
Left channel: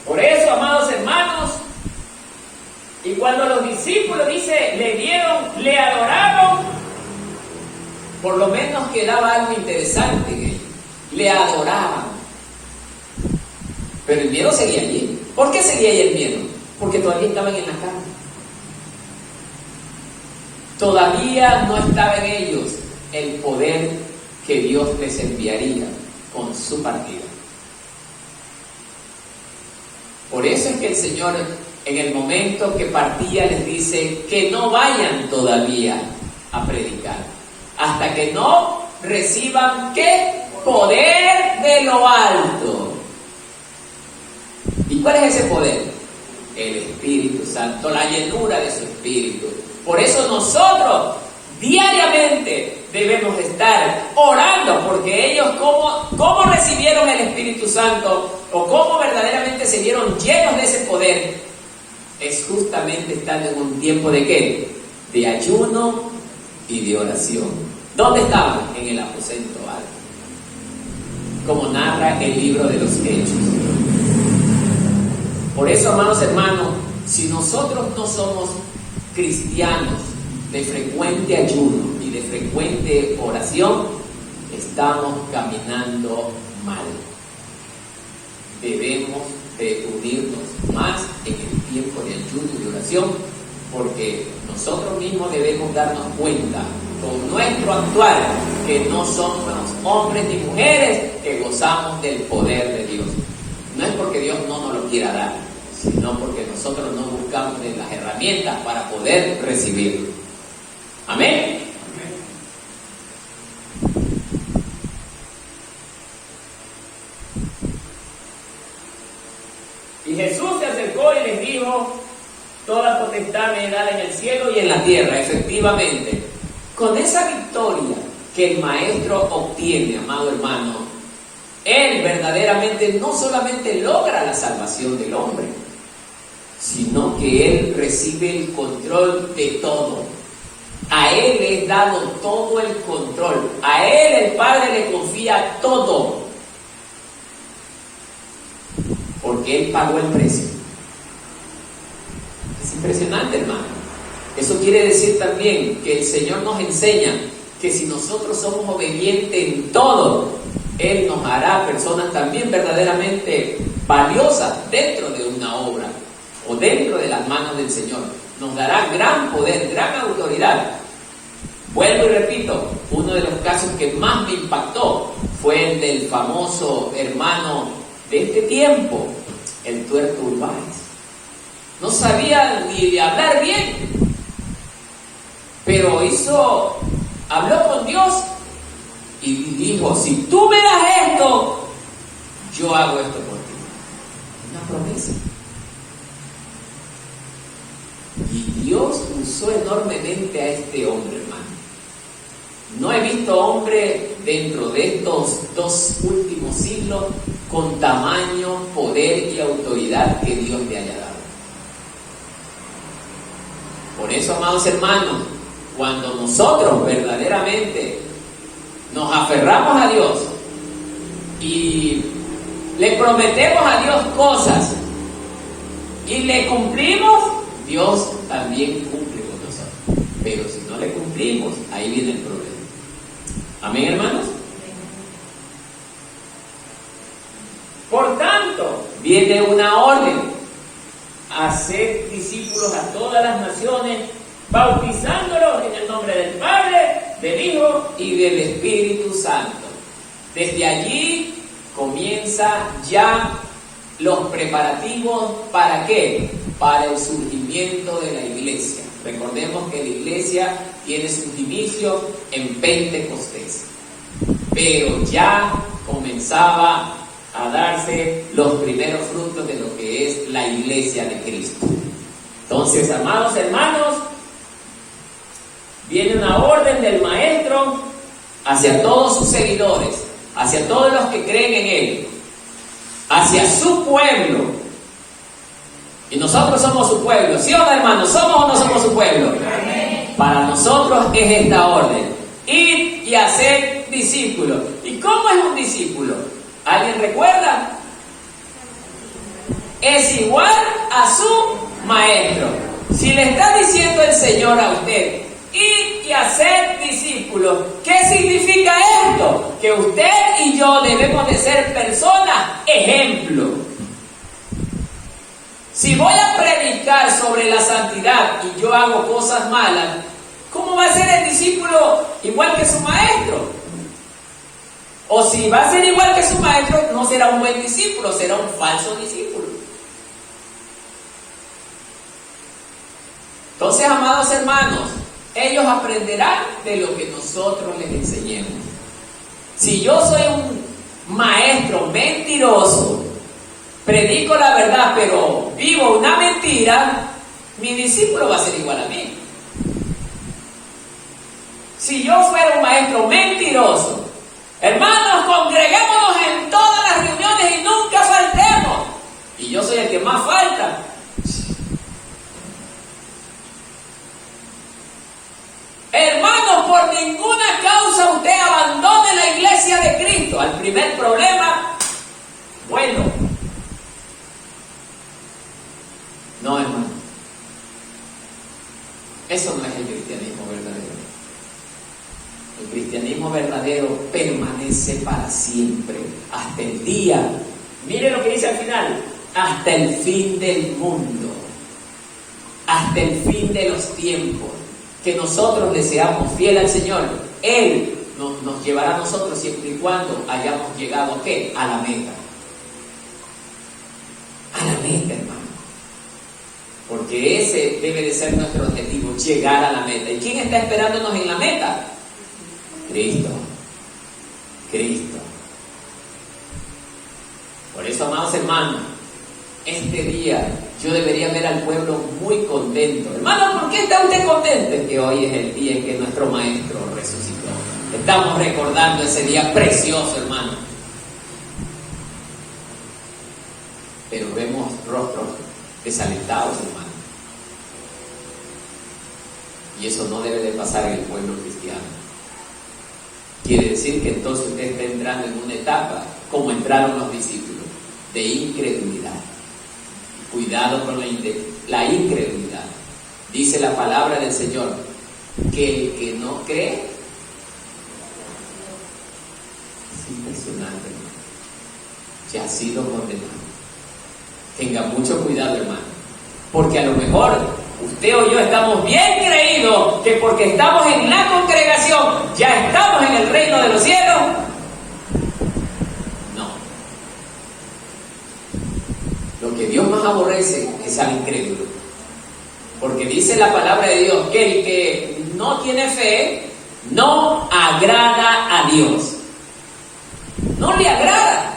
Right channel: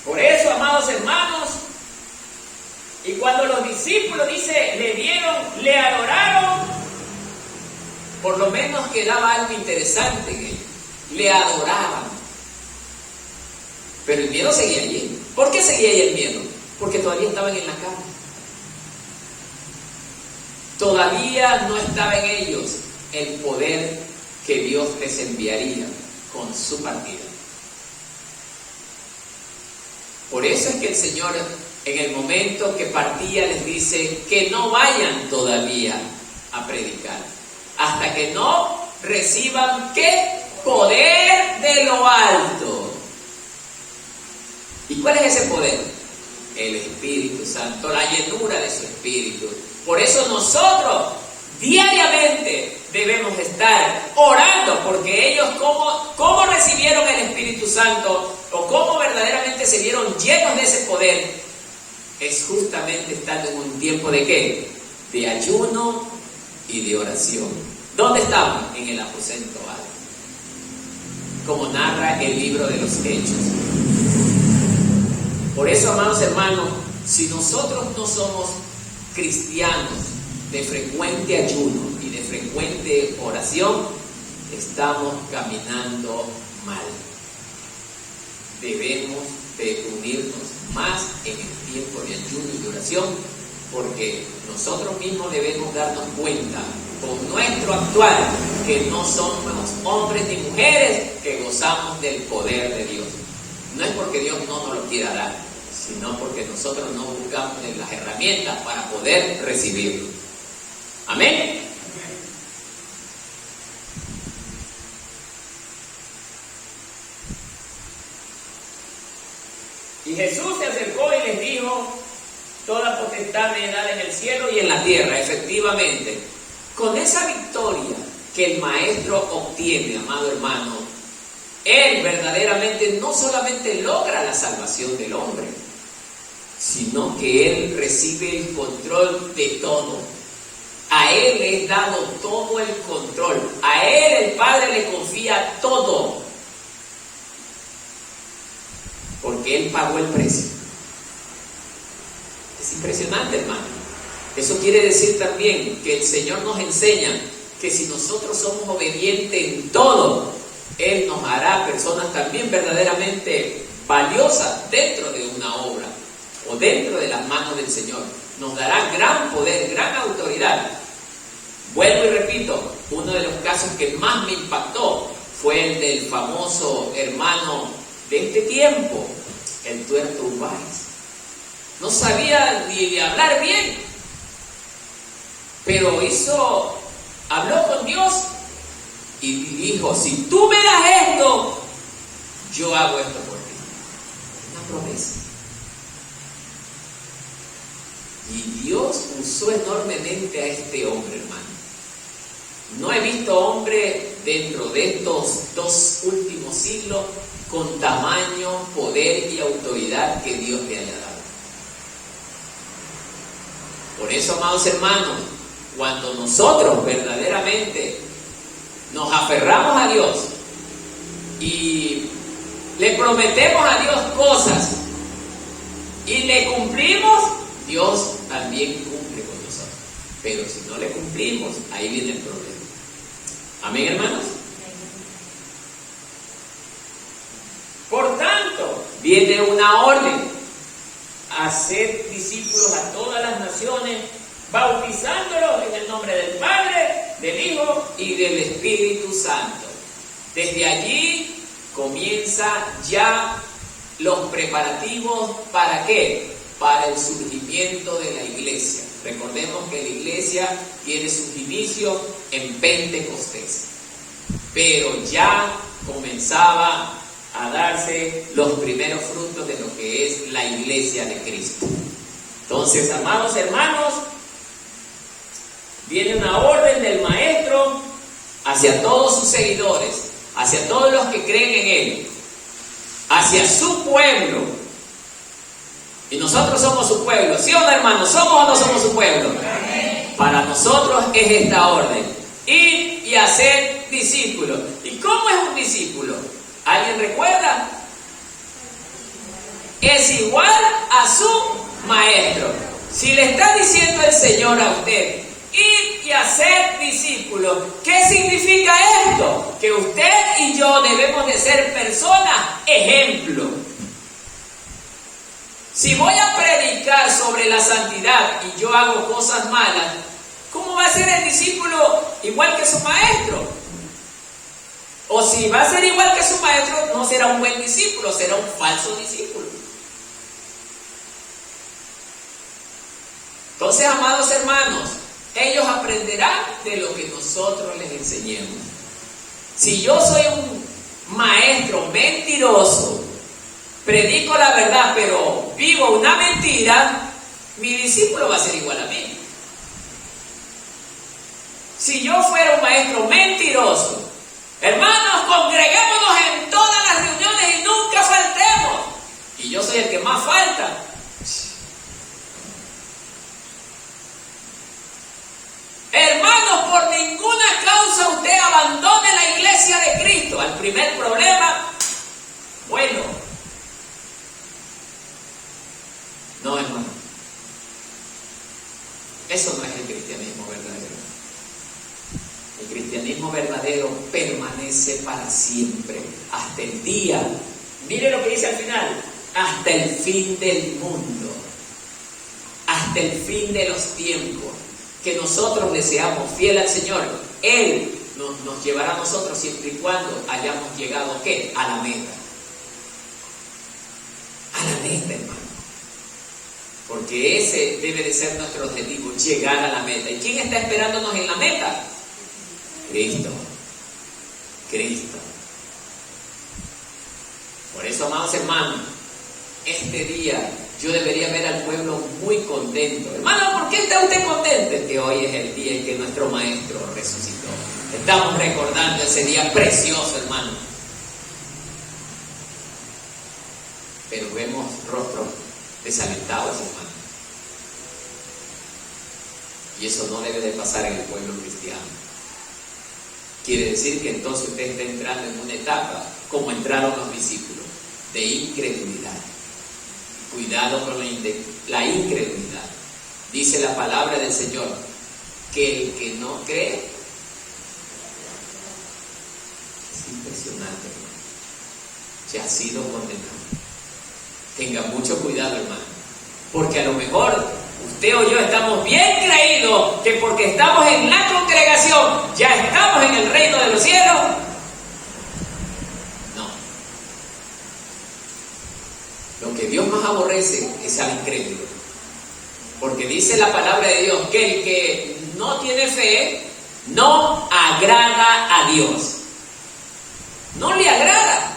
Por eso, amados hermanos, y cuando los discípulos, dice, le adoraron, por lo menos quedaba algo interesante en ellos. Le adoraban. Pero el miedo seguía allí. ¿Por qué seguía allí el miedo? Porque todavía estaban en la carne. Todavía no estaba en ellos el poder que Dios les enviaría con su partida. Por eso es que el Señor, en el momento que partía, les dice que no vayan todavía a predicar, hasta que no reciban, ¿qué? Poder de lo alto. ¿Y cuál es ese poder? El Espíritu Santo, la llenura de su Espíritu. Por eso nosotros diariamente debemos estar orando, porque ellos cómo recibieron el Espíritu Santo o cómo verdaderamente se vieron llenos de ese poder, es justamente estando en un tiempo de ¿qué? De ayuno y de oración. ¿Dónde estaban? En el aposento alto, como narra el libro de los Hechos. Por eso, amados hermanos, si nosotros no somos cristianos de frecuente ayuno y de frecuente oración, estamos caminando mal. Debemos de unirnos más en el tiempo de ayuno y de oración, porque nosotros mismos debemos darnos cuenta con nuestro actuar que no somos hombres ni mujeres que gozamos del poder de Dios. No es porque Dios no nos lo quiera dar, sino porque nosotros no buscamos las herramientas para poder recibirlo. Amén. Y Jesús se acercó y les dijo: toda potestad me es dada en el cielo y en la tierra. Efectivamente, con esa victoria que el Maestro obtiene, amado hermano, Él verdaderamente no solamente logra la salvación del hombre, sino que Él recibe el control de todo. A Él le es dado todo el control. A Él el Padre le confía todo, porque Él pagó el precio. Es impresionante, hermano. Eso quiere decir también que el Señor nos enseña que si nosotros somos obedientes en todo, Él nos hará personas también verdaderamente valiosas dentro de una obra o dentro de las manos del Señor. Nos dará gran poder, gran autoridad. Vuelvo y repito, uno de los casos que más me impactó fue el del famoso hermano de este tiempo, el Tuerto Urbáez. No sabía ni hablar bien, pero habló con Dios y dijo: si tú me das esto, yo hago esto por ti. Una promesa. Y Dios usó enormemente a este hombre, hermano. No he visto hombre dentro de estos 2 últimos siglos con tamaño, poder y autoridad que Dios le haya dado. Por eso, amados hermanos, cuando nosotros verdaderamente nos aferramos a Dios y le prometemos a Dios cosas y le cumplimos, Dios también cumple con nosotros. Pero si no le cumplimos, ahí viene el problema. ¿Amén, hermanos? Por tanto, viene una orden: hacer discípulos a todas las naciones, bautizándolos en el nombre del Padre, del Hijo y del Espíritu Santo. Desde allí comienza ya los preparativos. ¿Para qué? Para el surgimiento de la iglesia. Recordemos que la iglesia tiene sus inicios en Pentecostés, pero ya comenzaba a darse los primeros frutos de lo que es la iglesia de Cristo. Entonces, amados hermanos, viene una orden del Maestro hacia todos sus seguidores, hacia todos los que creen en Él, hacia su pueblo. Y nosotros somos su pueblo, ¿sí o no, hermanos? ¿Somos o no somos su pueblo? Para nosotros es esta orden: ir y hacer discípulos. ¿Y cómo es un discípulo? ¿Alguien recuerda? Es igual a su maestro. Si le está diciendo el Señor a usted, ir y hacer discípulos, ¿qué significa esto? Que usted y yo debemos de ser personas ejemplo. Si voy a predicar sobre la santidad y yo hago cosas malas, ¿cómo va a ser el discípulo igual que su maestro? O si va a ser igual que su maestro, no será un buen discípulo, será un falso discípulo. Entonces, amados hermanos, ellos aprenderán de lo que nosotros les enseñemos. Si yo soy un maestro mentiroso, predico la verdad, pero vivo una mentira, mi discípulo va a ser igual a mí. Si yo fuera un maestro mentiroso, hermanos, congreguémonos en todas las reuniones y nunca faltemos, y yo soy el que más falta, hermanos, por ninguna causa usted abandone la iglesia de Cristo. Al primer problema, bueno, no, hermano, eso no es el cristianismo verdadero. El cristianismo verdadero permanece para siempre, hasta el día, mire lo que dice al final, hasta el fin del mundo, hasta el fin de los tiempos. Que nosotros le seamos fieles al Señor, Él nos llevará a nosotros siempre y cuando hayamos llegado ¿a qué? A la meta. A la meta, hermano. Porque ese debe de ser nuestro objetivo, llegar a la meta. ¿Y quién está esperándonos en la meta? Cristo. Cristo. Por eso, amados hermanos, este día yo debería ver al pueblo muy contento. Hermano, ¿por qué está usted contento? Es que hoy es el día en que nuestro Maestro resucitó. Estamos recordando ese día precioso, hermano. Pero vemos rostros desalentados, hermano. Y eso no debe de pasar en el pueblo cristiano. Quiere decir que entonces usted está entrando en una etapa como entraron los discípulos, de incredulidad. Cuidado con la incredulidad. Dice la palabra del Señor que el que no cree es impresionante, hermano. Ya ha sido condenado. Tenga mucho cuidado, hermano, porque a lo mejor usted o yo estamos bien creídos que porque estamos en la congregación ya estamos en el reino de los cielos. Lo que Dios más aborrece es al incrédulo, porque dice la palabra de Dios que el que no tiene fe no agrada a Dios, no le agrada.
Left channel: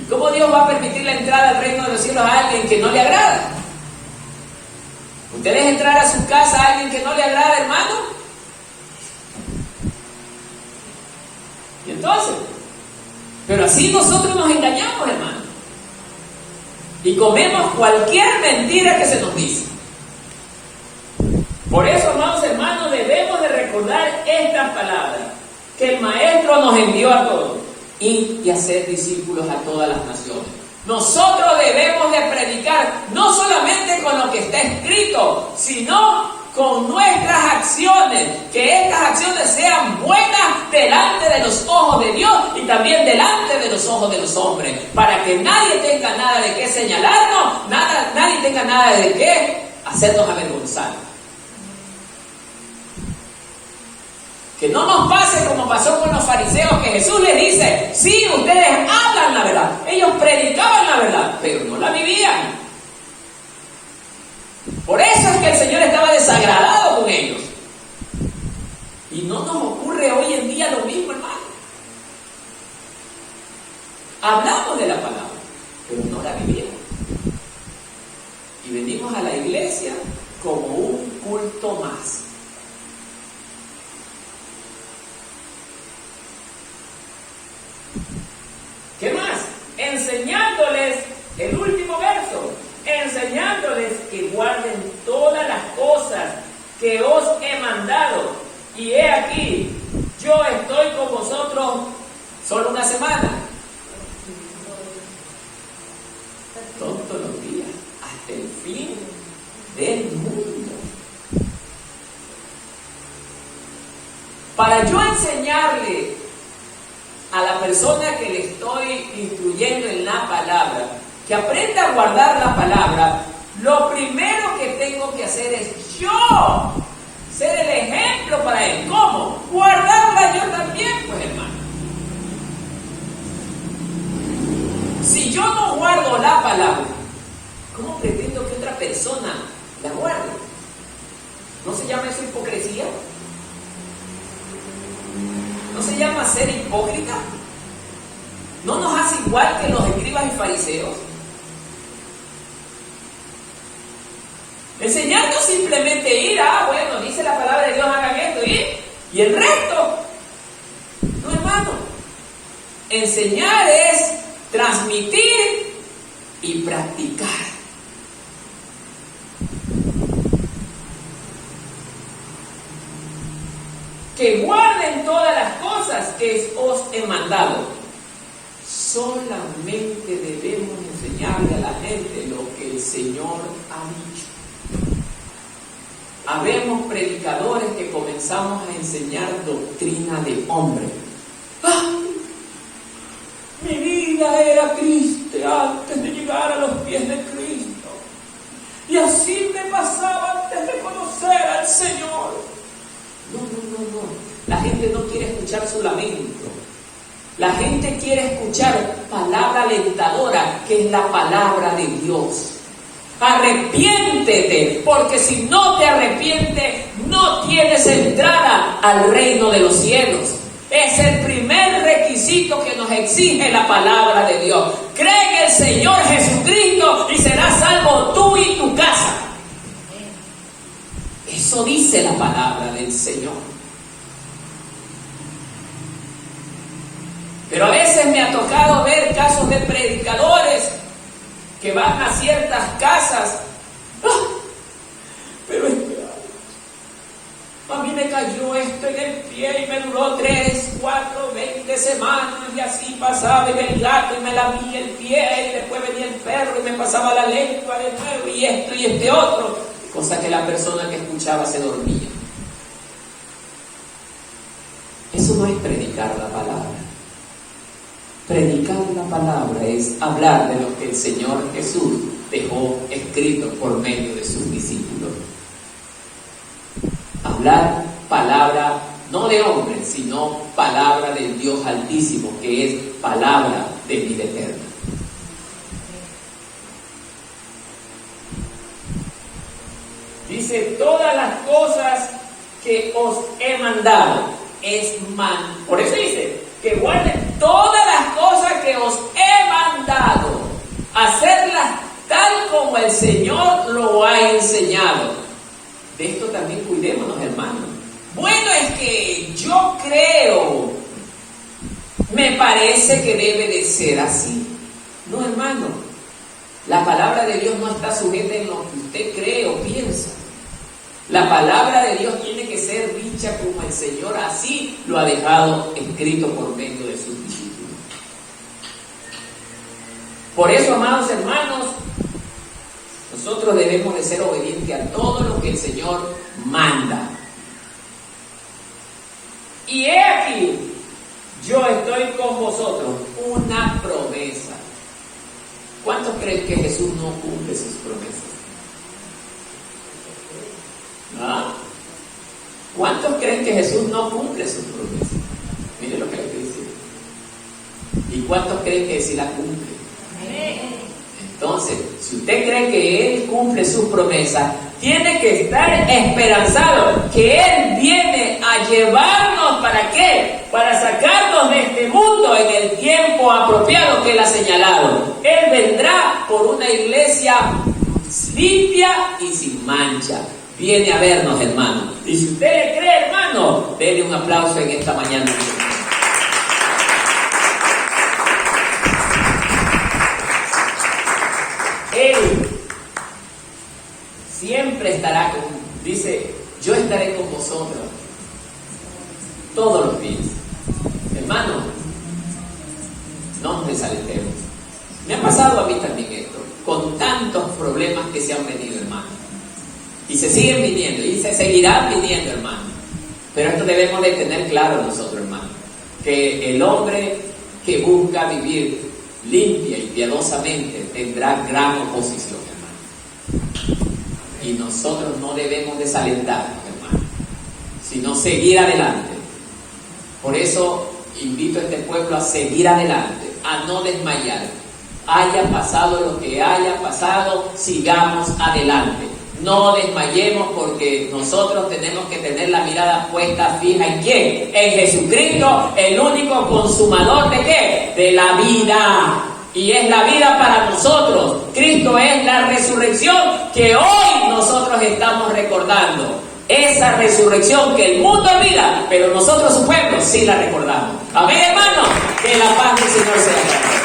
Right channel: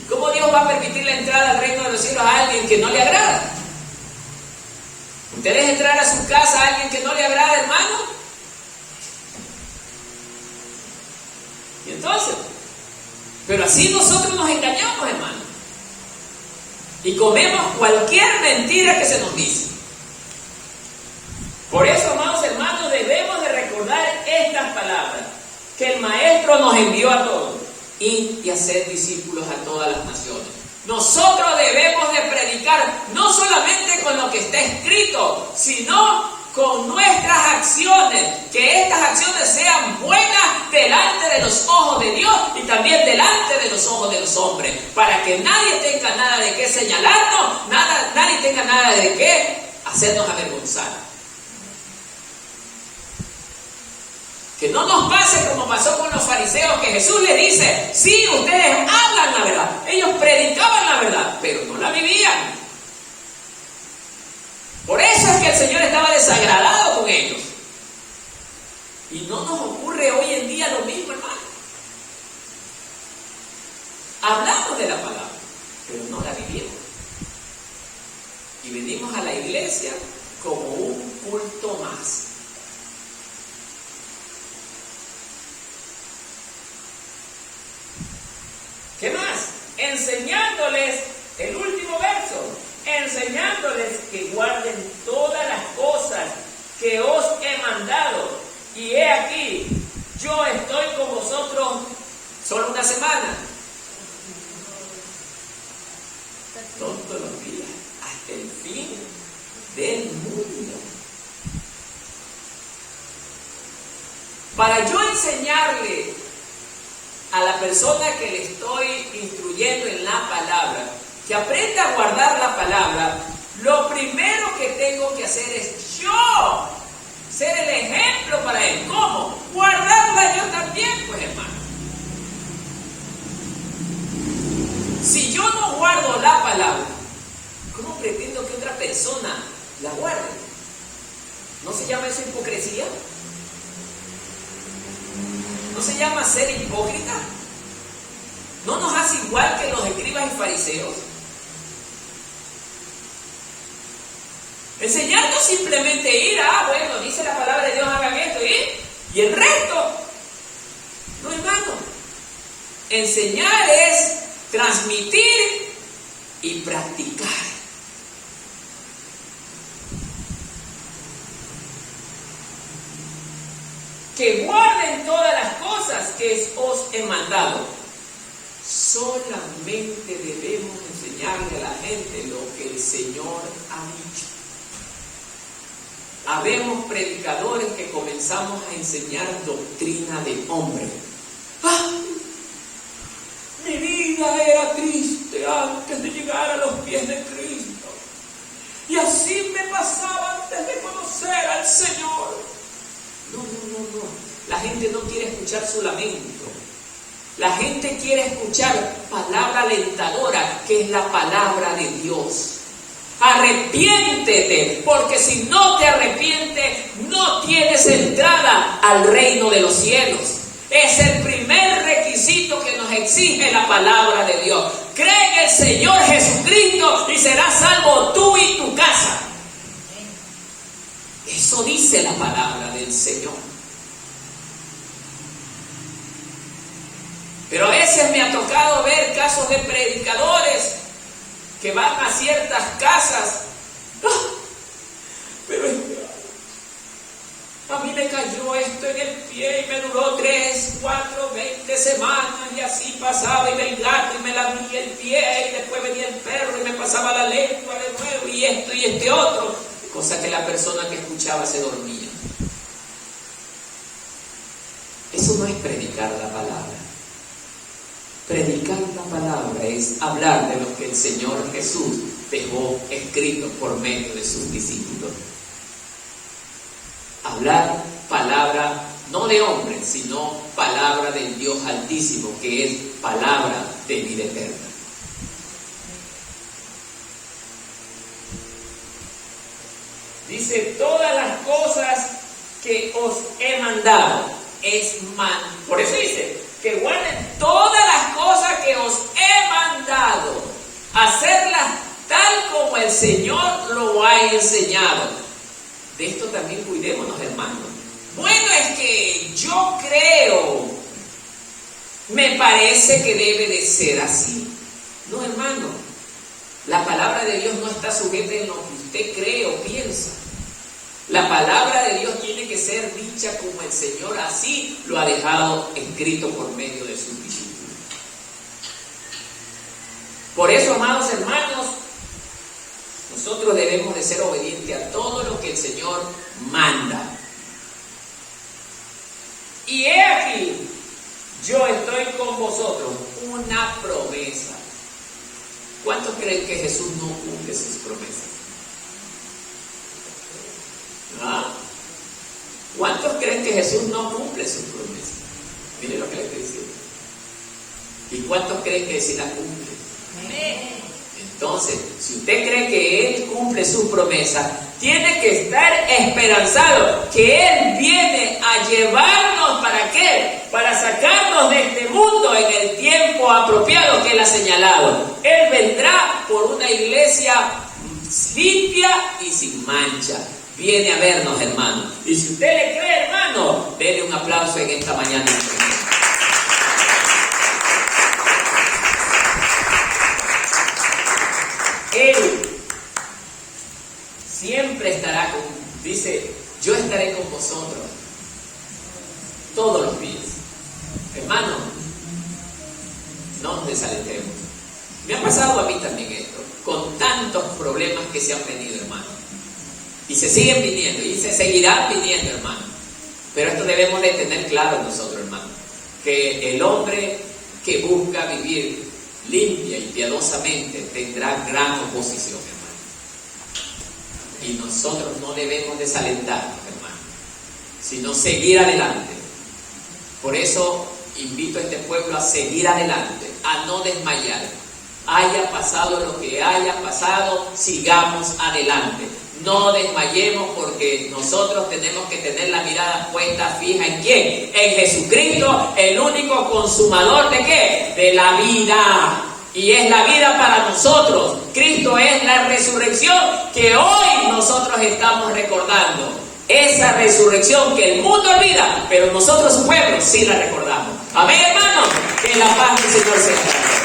¿Y cómo Dios va a permitir la entrada al reino de los cielos a alguien que no le agrada? ¿Usted deja entrar a su casa a alguien que no le agrada, hermano? Pero así nosotros nos engañamos, hermano. Y comemos cualquier mentira que se nos dice. Por eso, amados hermanos, debemos de recordar estas palabras que el Maestro nos envió a todos. Ir y hacer discípulos a todas las naciones. Nosotros debemos de predicar no solamente con lo que está escrito, sino con nuestras acciones, que estas acciones sean buenas delante de los ojos de Dios y también delante de los ojos de los hombres, para que nadie tenga nada de qué señalarnos, nadie tenga nada de qué hacernos avergonzar. Que no nos pase como pasó con los fariseos, que Jesús les dice, sí, ustedes hablan la verdad, ellos predicaban la verdad, pero no la vivían. Por eso es que el Señor estaba desagradado con ellos. Y no nos ocurre hoy en día lo mismo, hermano. Hablamos de la palabra, pero no la vivimos. Y venimos a la iglesia como un culto más. ¿Qué más? Enseñándoles, el último verso, enseñándoles que guarden todas las cosas que os he mandado. Y he aquí, yo estoy con vosotros solo una semana. Todos los días, hasta el fin del mundo. Para yo enseñarle a la persona que le estoy instruyendo en la palabra, que aprenda a guardar la palabra, lo primero que tengo que hacer es yo ser el ejemplo para él. ¿Cómo? Guardarla yo también, pues, hermano. Si yo no guardo la palabra, ¿cómo pretendo que otra persona la guarde? ¿No se llama eso hipocresía? ¿No se llama ser hipócrita? ¿No nos hace igual que los escribas y fariseos? Enseñar no simplemente ir bueno, dice la palabra de Dios, hagan esto y el resto. No, hermano. Enseñar es transmitir y practicar. Que guarden todas las cosas que os he mandado. Solamente debemos enseñarle a la gente lo que el Señor ha dicho. Habemos predicadores que comenzamos a enseñar doctrina de hombre. Mi vida era triste antes de llegar a los pies de Cristo. Y así me pasaba antes de conocer al Señor. No. La gente no quiere escuchar su lamento. La gente quiere escuchar palabra alentadora, que es la palabra de Dios. Arrepiéntete, porque si no te arrepientes, no tienes entrada al reino de los cielos. Es el primer requisito que nos exige la palabra de Dios. Cree en el Señor Jesucristo y serás salvo tú y tu casa. Eso dice la palabra del Señor. Pero a veces me ha tocado ver casos de predicadores que van a ciertas casas. Pero a mí me cayó esto en el pie y me duró 3, 4, 20 semanas y así pasaba y venía el gato y me lamía el pie y después venía el perro y me pasaba la lengua de nuevo y esto y este otro. Cosa que la persona que escuchaba se dormía. Eso no es predicar la palabra. Predicar la palabra es hablar de lo que el Señor Jesús dejó escrito por medio de sus discípulos. Hablar palabra no de hombre, sino palabra del Dios Altísimo, que es palabra de vida eterna. Dice, todas las cosas que os he mandado por eso dice, que guarden todas las cosas que os he mandado, hacerlas tal como el Señor lo ha enseñado. De esto también cuidémonos, hermanos. Bueno, es que yo creo, me parece que debe de ser así. No, hermano, la palabra de Dios no está sujeta en lo que usted cree o piensa. La palabra de Dios tiene que ser dicha como el Señor así lo ha dejado escrito por medio de sus discípulos. Por eso, amados hermanos, nosotros debemos de ser obedientes a todo lo que el Señor manda. Y he aquí, yo estoy con vosotros, una promesa. ¿Cuántos creen que Jesús no cumple sus promesas? ¿Ah? ¿Cuántos creen que Jesús no cumple sus promesas? Mire lo que le estoy diciendo. ¿Y cuántos creen que sí las cumple? Entonces, si usted cree que Él cumple sus promesas, tiene que estar esperanzado que Él viene a llevarnos, ¿para qué? Para sacarnos de este mundo en el tiempo apropiado que Él ha señalado. Él vendrá por una iglesia limpia y sin mancha. Viene a vernos, hermano. Y si usted le cree, hermano, denle un aplauso en esta mañana. Él siempre estará con, dice, yo estaré con vosotros todos los días. Hermano, no nos desalentemos. Me ha pasado a mí también esto, con tantos problemas que se han venido, hermano. Y se siguen viniendo, y se seguirán viniendo, hermano. Pero esto debemos de tener claro nosotros, hermano, que el hombre que busca vivir limpia y piadosamente tendrá gran oposición, hermano. Y nosotros no debemos desalentarnos, hermano, sino seguir adelante. Por eso invito a este pueblo a seguir adelante, a no desmayar. Haya pasado lo que haya pasado, sigamos adelante. No desmayemos, porque nosotros tenemos que tener la mirada puesta fija ¿en quién? En Jesucristo, el único consumador ¿de qué? De la vida. Y es la vida para nosotros. Cristo es la resurrección que hoy nosotros estamos recordando. Esa resurrección que el mundo olvida, pero nosotros, su pueblo, sí la recordamos. Amén, hermanos. Que la paz del Señor sea.